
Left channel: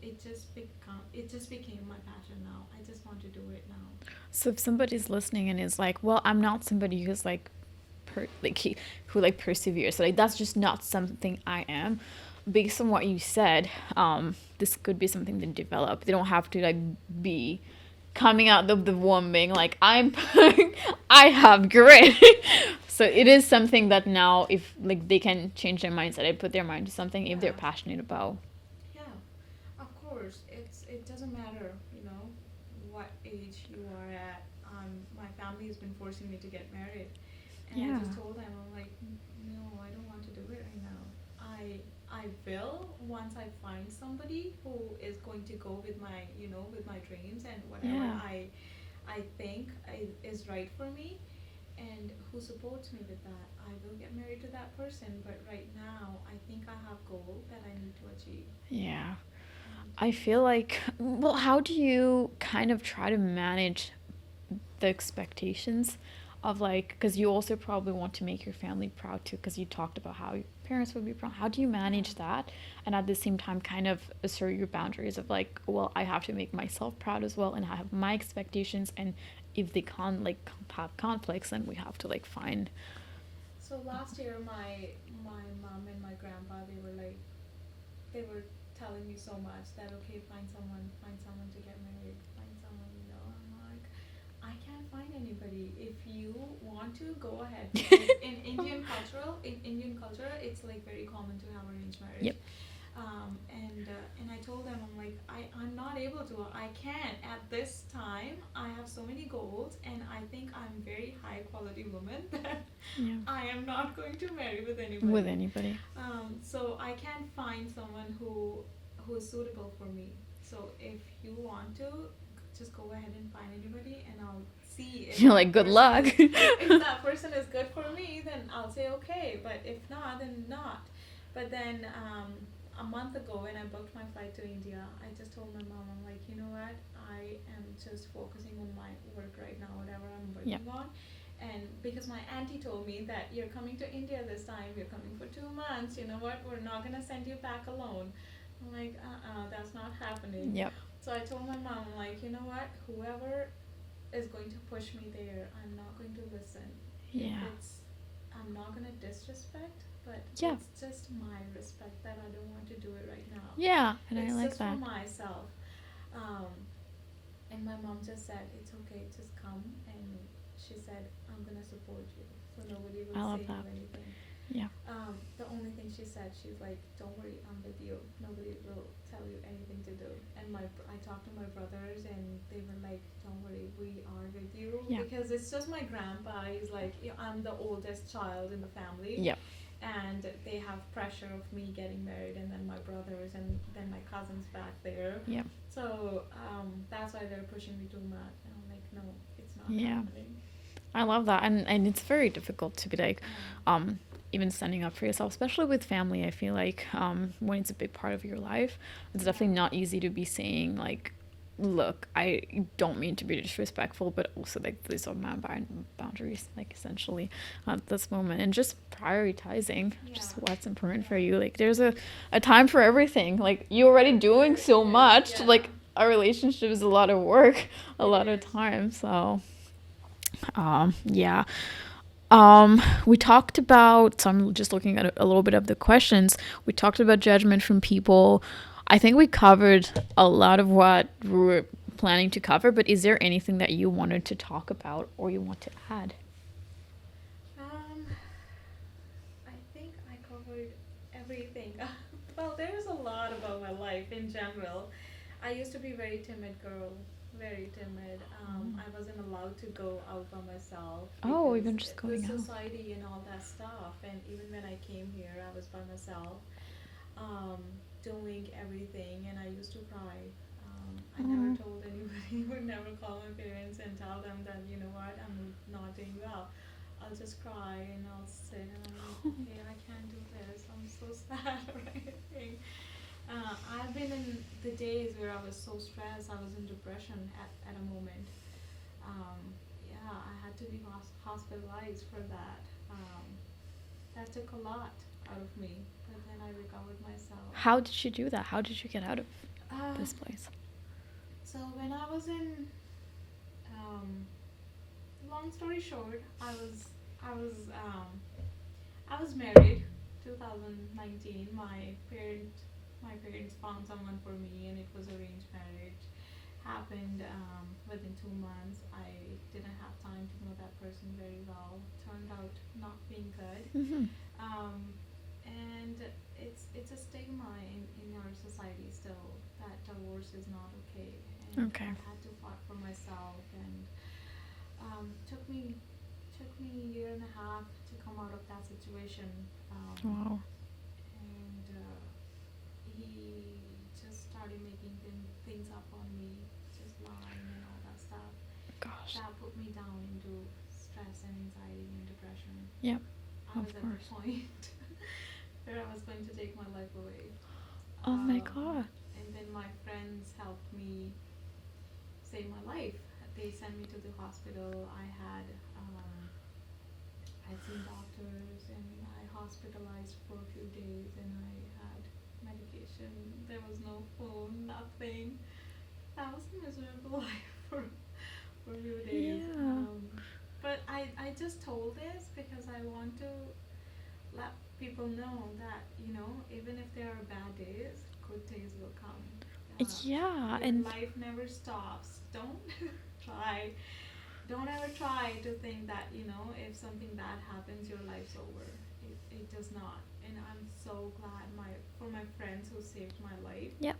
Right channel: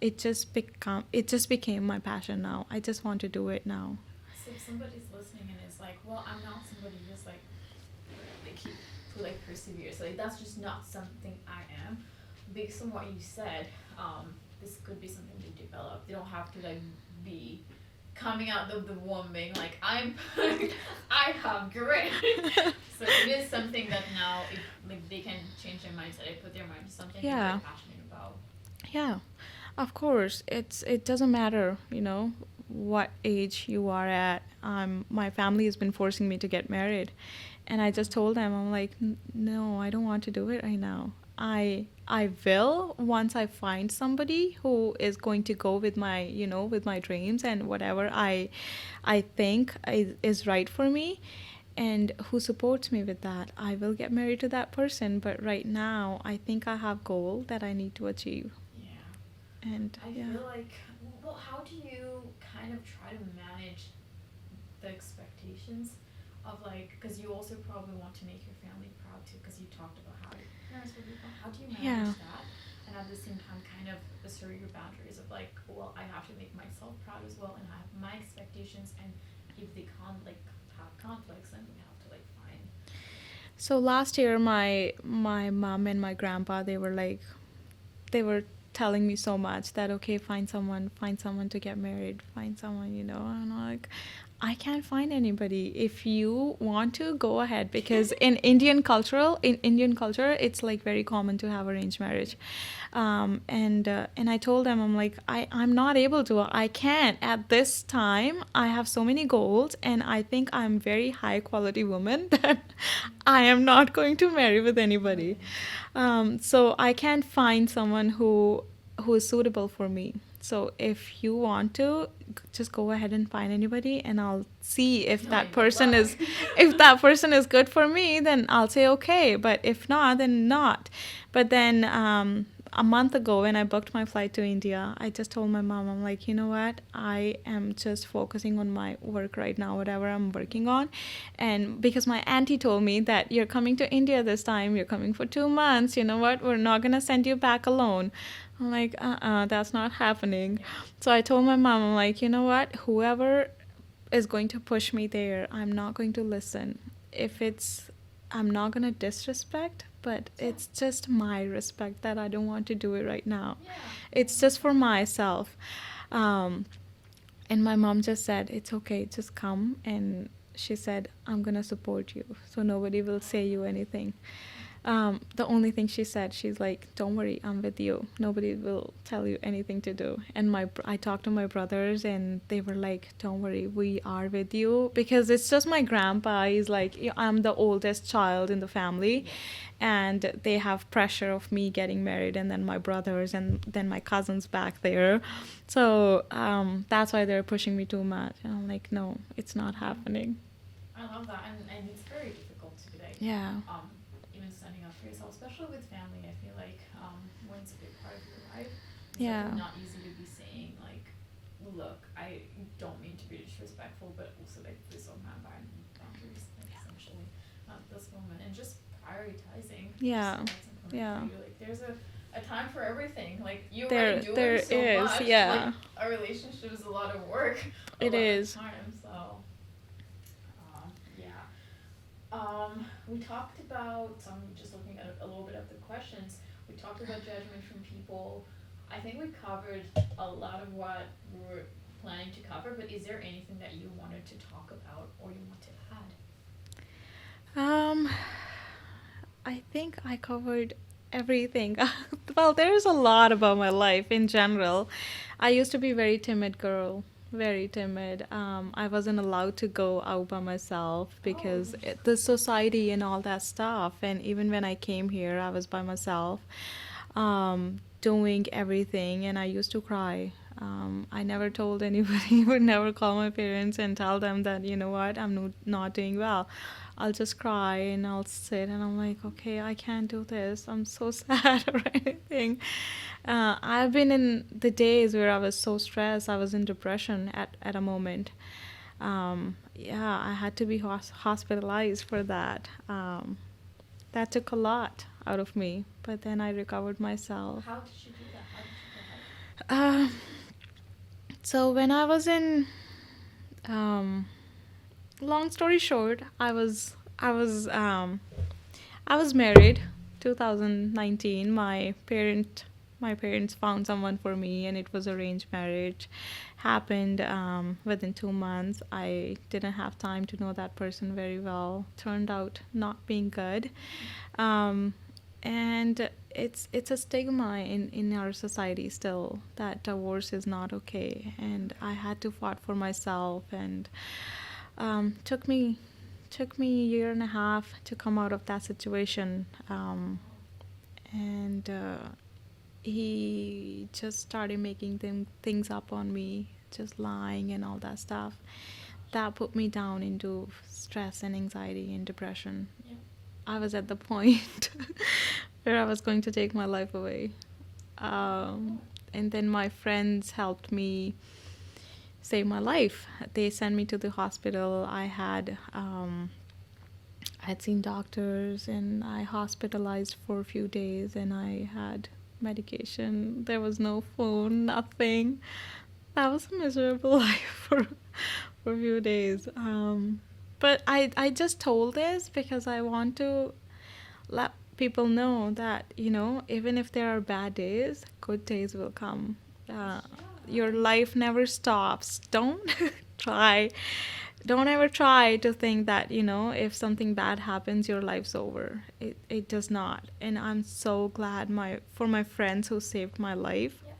it just became my passion now. I just want to do it now. So if somebody's listening and is like, well, I'm not somebody who's like who like perseveres. So like that's just not something I am. Based on what you said, this could be something to develop. They don't have to like be coming out of the womb being like I'm I have grit. So it is something that now if like they can change their mindset, they put their mind to something if they're Yeah. passionate about. Yeah, of course. It doesn't matter, what age you are at. My family has been forcing me to get married, and I just Yeah. told them, I'm like, No, I don't want to do it right now. I will once I find somebody who is going to go with my, with my dreams and whatever Yeah. I think is right for me, and who supports me with that. I will get married to that person, but right now I think I have goal that I need to achieve. Yeah. And I yeah. feel like, well, how do you kind of try to manage the expectations of like, because you also probably want to make your family proud too, because you talked about how your parents would be proud. How do you manage Yeah. that? And at the same time, kind of assert your boundaries of like, well, I have to make myself proud as well, and I have my expectations. And if they can't like have conflicts, then we have to like find. So last year, my mom and my grandpa, they were telling me so much that, okay, find someone to get married, find someone, and I'm like, I can't find anybody. If you want to, go ahead, because in Indian culture, it's like very common to have arranged marriage. Yep. And I told them, I'm like, I'm not able to. I can't at this time. I have so many goals, and I think I'm very high quality woman that Yeah. I am not going to marry with With anybody. anybody. So I can't find someone who is suitable for me. So if you want to, just go ahead and find anybody, and I'll see if You're that like, good person luck. is if that person is good for me. Then I'll say okay. But if not, then not. But then a month ago, when I booked my flight to India, I just told my mom, I'm like, you know what? I am just focusing on my work right now, whatever I'm working on. And because my auntie told me that you're coming to India this time, you're coming for 2 months, you know what? We're not going to send you back alone. I'm like, that's not happening. Yep. So I told my mom, I'm like, you know what? Whoever is going to push me there, I'm not going to listen. If Yeah. I'm not going to disrespect, but Yeah. it's just my respect that I don't want to do it right now. Yeah. It's I like just for that. myself. Um, and my mom just said, it's okay, just come. And she said, I'm going to support you. So nobody will I love say you that. anything. Yeah. The only thing she said, she's like, don't worry, I'm with you. Nobody will tell you anything to do. And I talked to my brothers, and they were like, don't worry, we are with you. Yeah. Because it's just my grandpa. He's like, I'm the oldest child in the family. Yep. And they have pressure of me getting married, and then my brothers, and then my cousins back there. Yep. So that's why they're pushing me too much. And I'm like, no, it's not Yeah. happening. I love that, and it's very difficult to be like, Yeah. even standing up for yourself, especially with family. I feel like when it's a big part of your life, it's definitely Yeah. not easy to be saying like, look, I don't mean to be disrespectful, but also like these are my boundaries, like essentially at this moment, and just prioritizing Yeah. just what's important for Yeah. you. Like there's a time for everything. Like you're already doing There so is, much. yeah. Like a relationship is a lot of work, a It lot is. of time. So yeah. We talked about, so I'm just looking at a little bit of the questions. We talked about judgment from people. I think we covered a lot of what we were planning to cover, but is there anything that you wanted to talk about or you want to add? I think I covered everything. Well, there's a lot about my life in general. I used to be a very timid girl, very timid. I wasn't allowed to go out by myself because Even just the going out. society and all that stuff. And even when I came here, I was by myself, doing everything, and I used to cry. I never Oh. told anybody, would never call my parents and tell them that, you know what, I'm not doing well. I'll just cry, and I'll sit, and I'm like, okay, I can't do this. I'm so sad or anything. I've been in the days where I was so stressed. I was in depression at a moment. Yeah, I had to be hospitalized for that. That took a lot out of me, but then I recovered myself. How did you do that? How did you get out of Uh, this place? so when I was in, long story short, I was um, I was married 2019. My parents found someone for me, and it was arranged marriage. Happened within 2 months. I didn't have time to know that person very well. Turned out not being good. Mm-hmm. Um, and it's a stigma in our society still that divorce is not okay. And Okay. I had to fight for myself, and took me a year and a half to come out of that situation. Wow. And he just started making things up on me, just lying and all that stuff. Gosh. That put me down into stress and anxiety and depression. Yeah. I Of was at the course. point where I was going to take my life away. Oh my Um, god. and then my friends helped me save my life. They sent me to the hospital. I had seen doctors, and I hospitalized for a few days, and I had medication. There was no phone, nothing. That was a miserable life for a few days. Yeah. But I just told this because I want to let people know that, even if there are bad days, good days will come. Uh, Yeah, your and life never stops. Don't try don't ever try to think that, if something bad happens, your life's over. It does not. And I'm so glad for my friends who saved my life, yeah,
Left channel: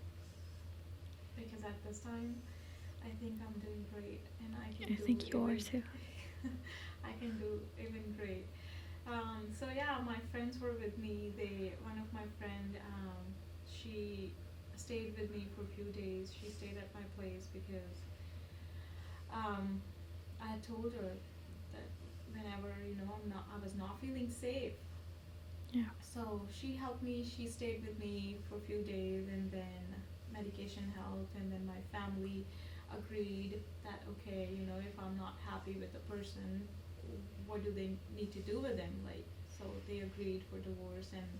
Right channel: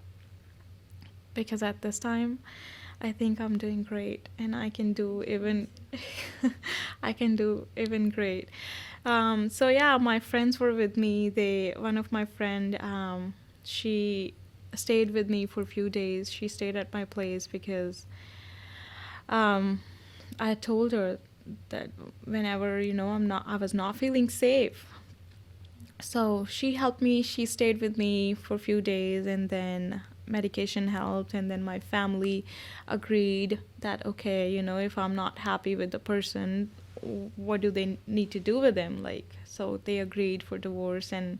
because at this time I think I'm doing great, and I I can do think you are even too. I can do even great. So yeah, my friends were with me. One of my friend, she stayed with me for a few days. She stayed at my place because um, I told her that whenever, I was not feeling safe. Yeah. So she helped me. She stayed with me for a few days, and then medication helped, and then my family agreed that, okay, if I'm not happy with the person, what do they need to do with him? Like, so they agreed for divorce, and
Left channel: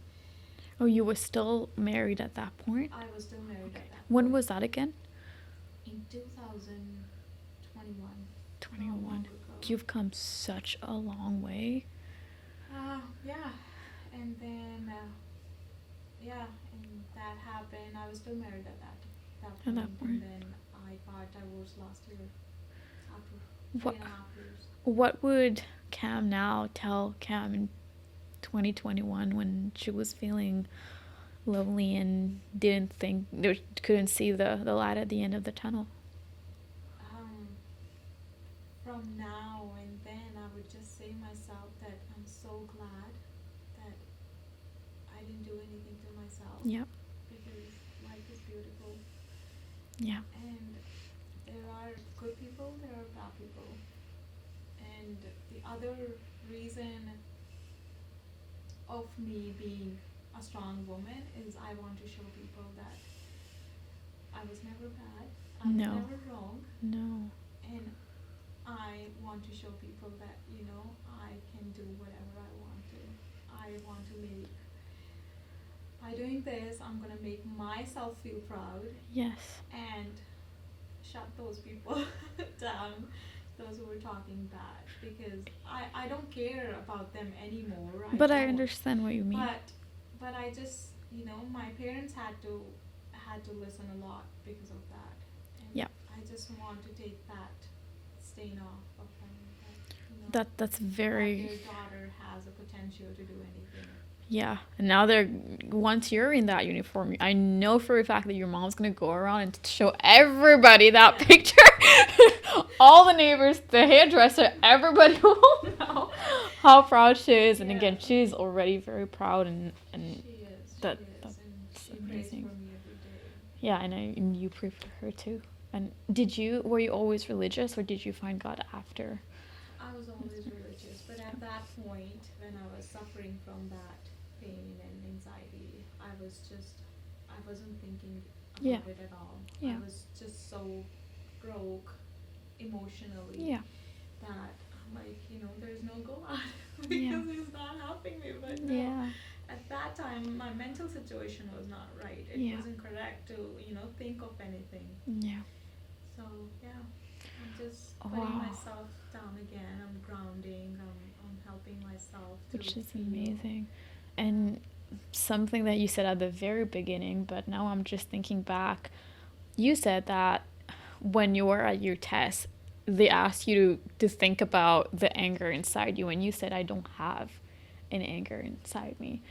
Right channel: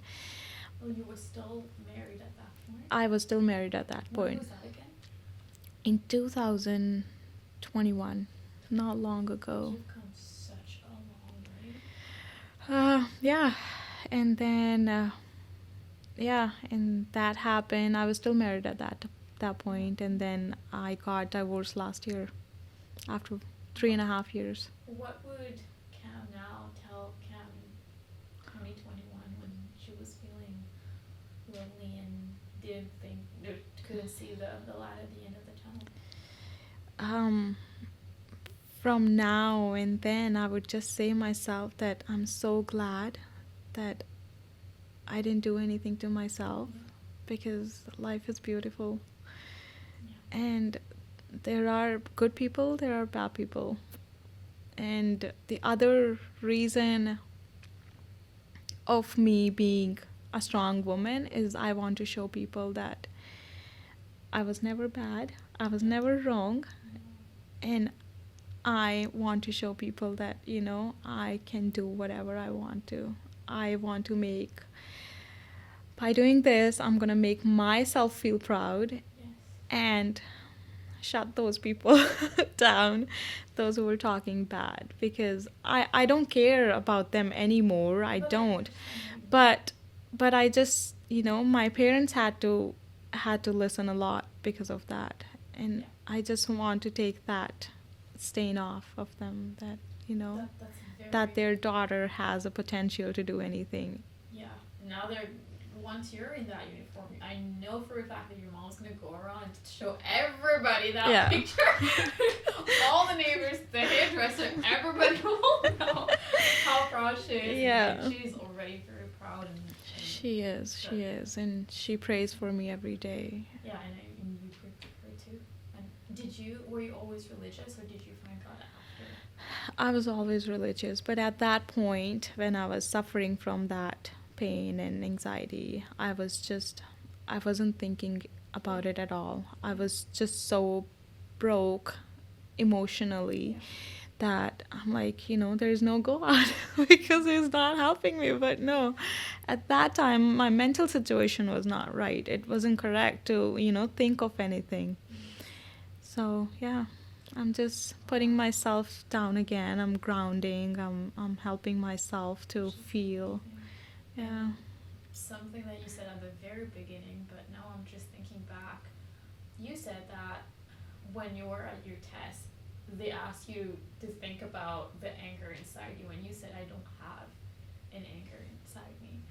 Oh, you were still married at that point? I was still married at that When point. was that again? In 2021, not 21. long ago. You've come such a long way. Yeah, and then yeah, and that happened. I was still married at that point, and then I got divorced last year after three and a half years. What would Cam now tell Cam in 2021 when she was feeling lonely and didn't think, couldn't see the light at the end of the tunnel? Um, from now and then, I would just say myself that I'm so glad that I didn't do anything to myself, Yeah. because life is beautiful, Yeah. and there are good people, there are bad people. And the other reason of me being a strong woman is I want to show people that I was never bad, I was No. never wrong, No. and I want to show people that, I can do whatever I want to. I want to make, by doing this, I'm going to make myself feel proud Yes. and shut those people down, those who were talking bad, because I don't care about them anymore. I But I don't. understand what you mean. But I just, my parents had to listen a lot because of that, and Yeah. I just want to take that stain off of them, that That's very, that their daughter has a potential to do anything. yeah. And now once you're in that uniform, I know for a fact that your mom's gonna go around and show everybody that Yeah. picture. All the neighbors, the hairdresser, everybody will know how proud she is. And again, Yeah. she's already very proud, and She is, that- and she that's prays amazing. for me every day. yeah, and you pray for her too. And were you always religious, or did you find God after? I was always religious, but at that point, when I was suffering from that pain and anxiety, I wasn't thinking about Yeah. it at all. I Yeah. was just so broke emotionally Yeah. that I'm like, there's no God because He's not helping me. But no, Yeah. at that time, my mental situation was not right. It Yeah. wasn't correct to, think of anything. Yeah. So, yeah, I'm just putting myself down again. I'm grounding. I'm helping myself to Which is feel. amazing. Yeah. And something that you said at the very beginning, but now I'm just thinking back. You said that when you were at your test, they asked you to think about the anger inside you, and you said, I don't have an anger inside me.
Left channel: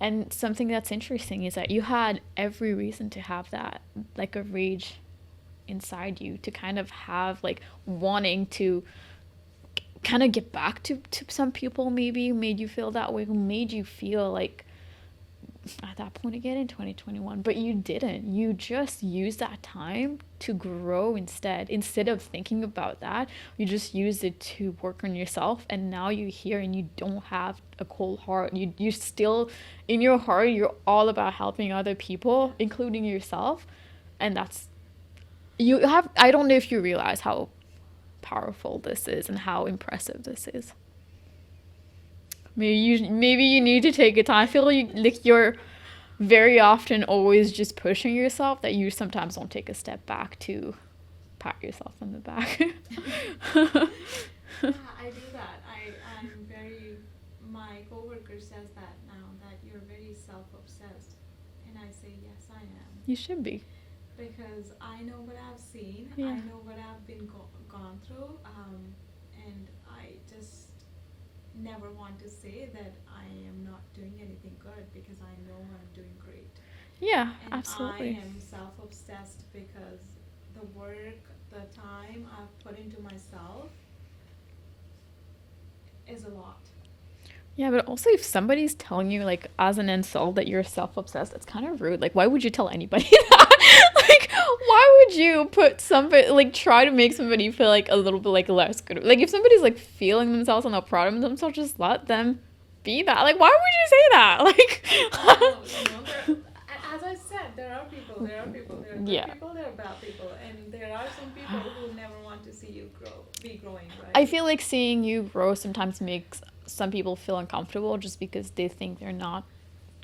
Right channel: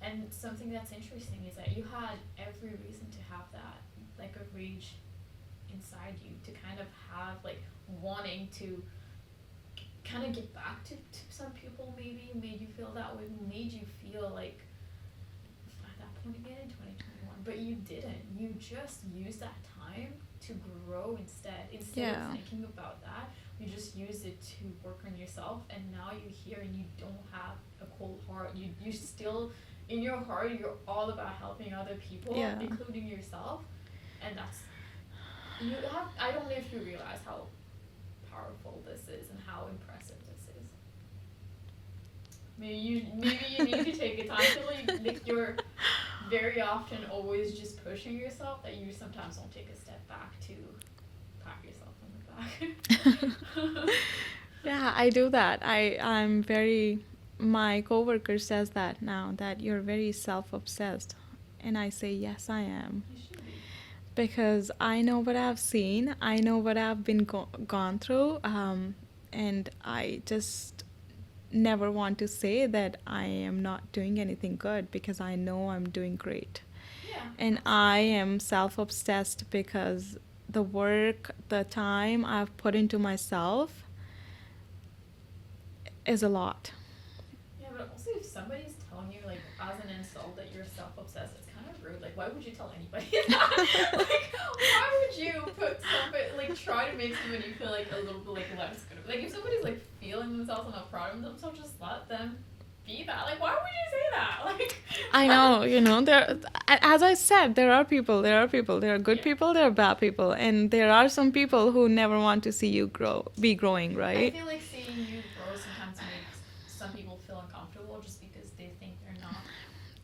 And something that's interesting is that you had every reason to have that, like a rage inside you, to kind of have like wanting to kind of get back to some people, maybe made you feel that way, who made you feel like at that point again in 2021, but you didn't. You just used that time to grow instead of thinking about that. You just used it to work on yourself, and now you're here and you don't have a cold heart. You still, in your heart, you're all about helping other people, including yourself. And that's, you have, I don't know if you realize how powerful this is and how impressive this is. Maybe you need to take a time. I feel like you're very often always just pushing yourself, that you sometimes don't take a step back to pat yourself on the back. Yeah, I do that. I'm very, my coworker says that now, that you're very self-obsessed. And I say, yes, I am. You should be. Because I know what I've seen. Yeah. I know what I've been gone through. And I just never want to say that I am not doing anything good, because I know I'm doing great. Yeah, and absolutely. I am self-obsessed because the work, the time I've put into myself is a lot. Yeah, but also if somebody's telling you, like, as an insult that you're self-obsessed, it's kind of rude. Like, why would you tell anybody that? Like, why would you put somebody, like, try to make somebody feel, like, a little bit, like, less good? Like, if somebody's, like, feeling themselves and not proud of themselves, just let them be that. Like, why would you say that? Like, I know, there, as I said, there are people. There are good people, there are bad people. And there are some people who never want to see you be growing, right? I feel like seeing you grow sometimes makes some people feel uncomfortable just because they think they're not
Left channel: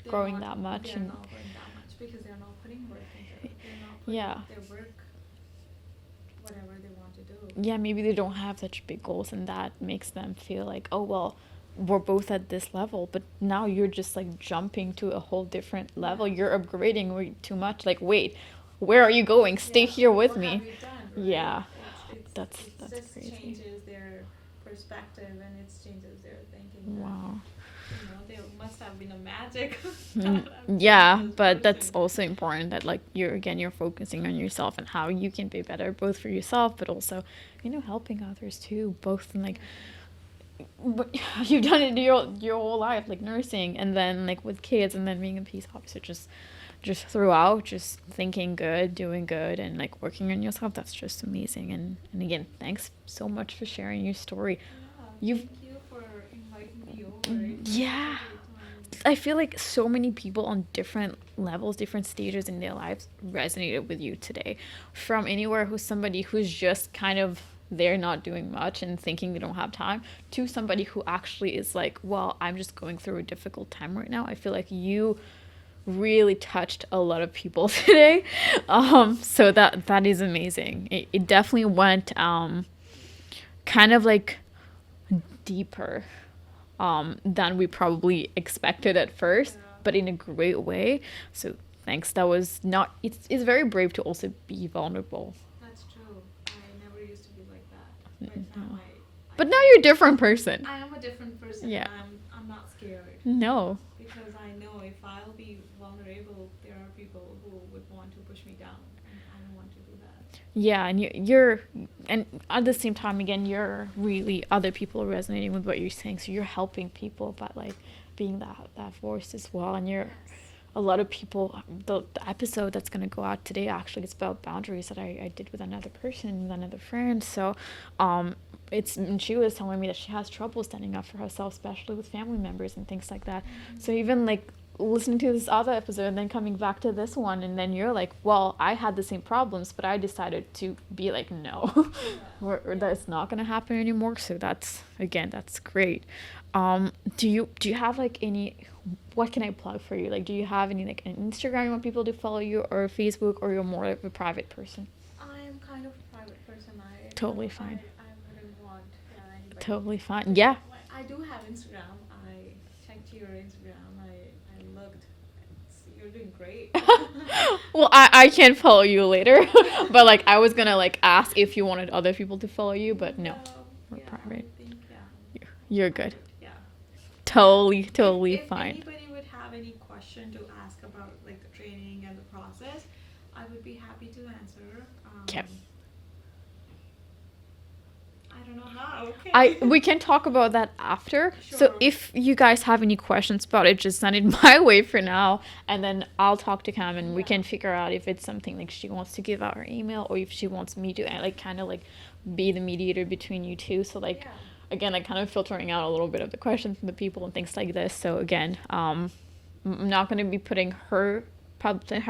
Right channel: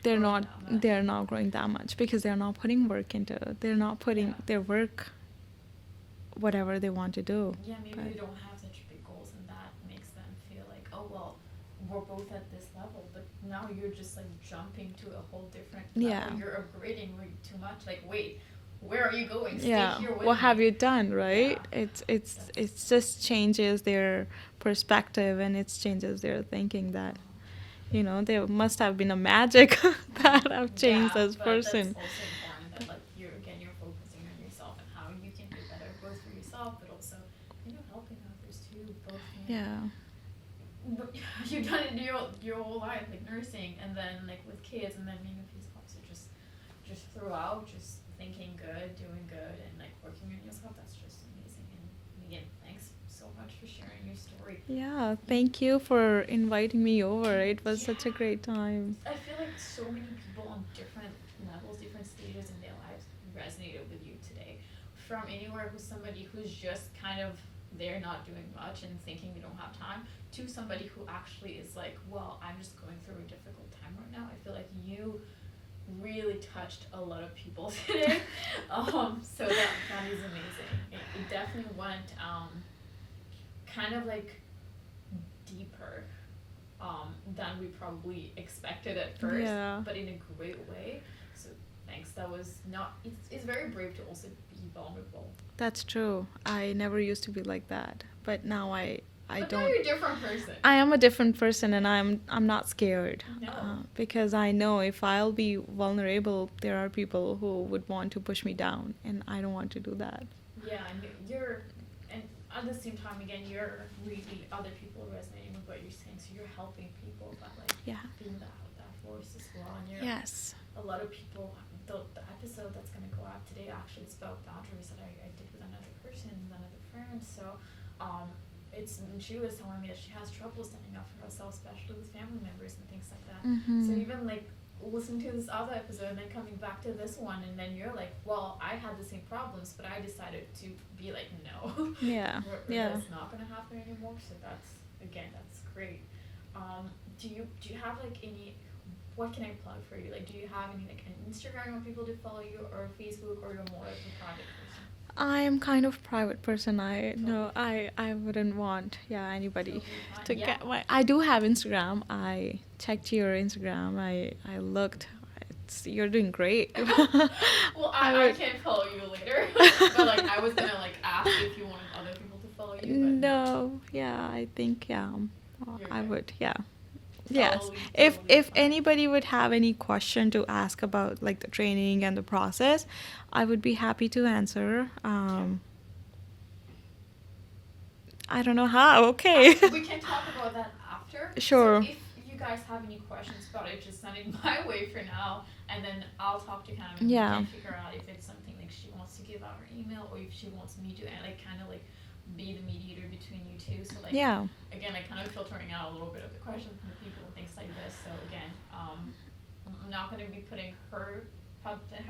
growing that much. They're not growing that much because they're not putting work into it. They're not putting their work, whatever they want to do. Yeah, maybe they don't have such big goals, and that makes them feel like, oh, well, we're both at this level, but now you're just, like, jumping to a whole different level. You're upgrading way too much. Like, wait, where are you going? Stay here with me. What have you done, right? Yeah. It's just crazy. Changes their perspective, and it changes their thinking that there must have been a magic that have changed this but person. That's also important that, like, you're focusing on yourself and how you can be better, both for yourself but also helping others too, both in, like, but you've done it your whole life, like nursing, and then, like, with kids, and then being a peace officer, just throughout, just thinking good, doing good, and, like, working on yourself. That's just amazing. And again, thanks so much for sharing your story. Thank you for inviting me over. It was such a great time. I feel like so many people on different levels, different stages in their lives resonated with you today. From anywhere who's somebody who's just kind of they're not doing much and thinking they don't have time, to somebody who actually is like, well, I'm just going through a difficult time right now. I feel like you really touched a lot of people today. So that is amazing. It definitely went kind of, like, deeper than we probably expected at first, but in a great way. So thanks. That was not, it's very brave to also be vulnerable. That's true. I never used to be like that, but now But now you're a different person. I am a different person, and I'm not scared. No. Because I know if I'll be vulnerable, there are people who would want to push me down, and I don't want to do that. Yeah, and you're and at the same time, again, you're really, other people are resonating with what you're saying, so you're helping people by, like, being that force as well. And you're a lot of people, the episode that's going to go out today, actually, it's about boundaries that I did with another person, with another friend. So and she was telling me that she has trouble standing up for herself, especially with family members and things like that. So even, like, listening to this other episode and then coming back to this one, and then you're like, well, I had the same problems, but I decided to be like, no, or that's not going to happen anymore. So that's great. Do you have, like, any, what can I plug for you? Like, do you have any, like, an Instagram you want people to follow you, or Facebook, or you're more of a private person? I'm kind of private person. Totally fine. I wouldn't want anybody Totally fine. to Yeah. I do have Instagram. I checked your Instagram. I looked. You're doing great. Well, I can follow you later. But like I was gonna like ask if you wanted other people to follow you, but no. Yeah, I think You're I good. would, yeah. Totally, Yes. totally If fine. anybody would have any question to ask about like the training and the process, I would be happy to answer. I don't know how. Okay. We can talk about that after. Sure. So if you guys have any questions about it, just send it my way for now, and then I'll talk to Cam and we Yeah. can figure out if it's something like she wants to give out her email or if she wants me to like kind of like be the mediator between you two. So like again, like kind of filtering out a little bit of the questions from the people and things like this. So again, I'm not going to be putting her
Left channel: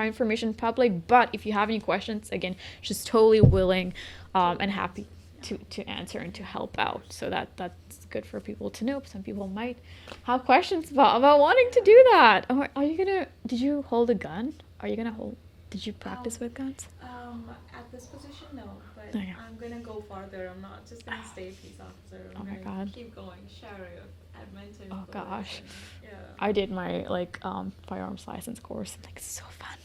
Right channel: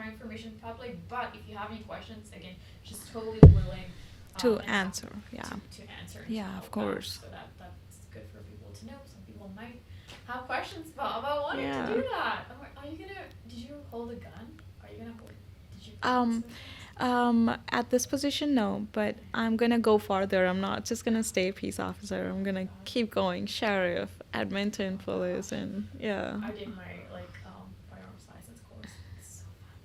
information public, but if you have any questions, again, she's totally willing To and happy answer, yeah. to answer and to Yeah, of help out. course. So that's good for people to know. Some people might have questions about wanting to Yeah. do that. Are you gonna? Did you hold a gun? Are you gonna hold? Did you practice with guns? At this position, no, but Okay. I'm gonna go farther. I'm not just gonna stay peace officer. I'm Oh my gonna God. keep going, sheriff, Edmonton Oh, police, gosh. and yeah. I did my like firearms license course. Like so fun.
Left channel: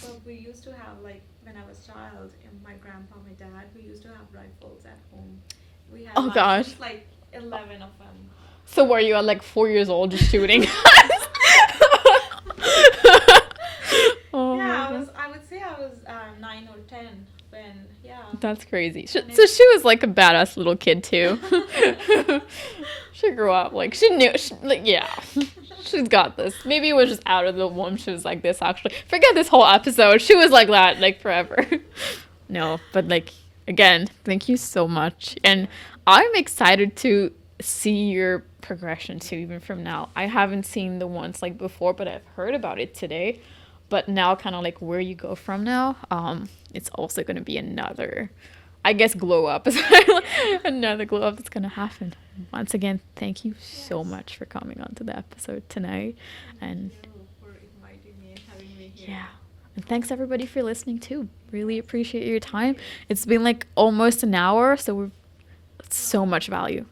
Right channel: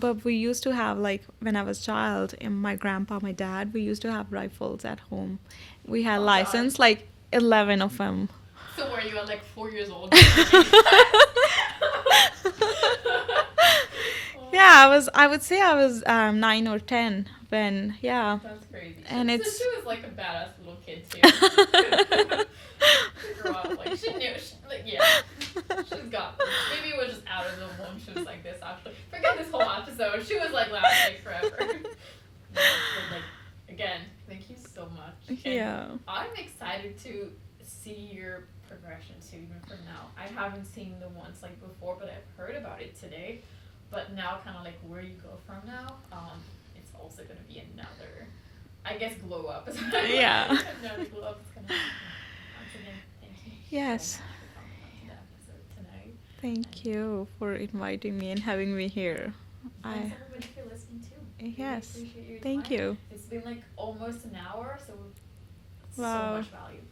But we used to have, like, when I was a child, and my grandpa, my dad, we used to have rifles at home. We had Oh, gosh. license, like 11 of them. So were you at like 4 years old just shooting? Oh. Yeah, I would say I was 9 or 10 when, yeah. That's crazy. And So it's- she was like a badass little kid too. She grew up like she knew, like yeah, she's got this. Maybe it was just out of the womb. She was like this. Actually, forget this whole episode. She was like that like forever. No, but like again, thank you so much, and Yeah. I'm excited to see your progression too. Even from now, I haven't seen the ones like before, but I've heard about it today. But now, kind of like where you go from now, it's also going to be another, I guess, glow up. Yeah. Another glow up that's going to happen. Once again, thank you Yes. so much for coming on to the episode tonight. Thank And- you for inviting me and having me here. Yeah. And thanks everybody for listening too. Really Yes. appreciate your Thank time. you. It's been like almost an hour, so we're so Wow. much value.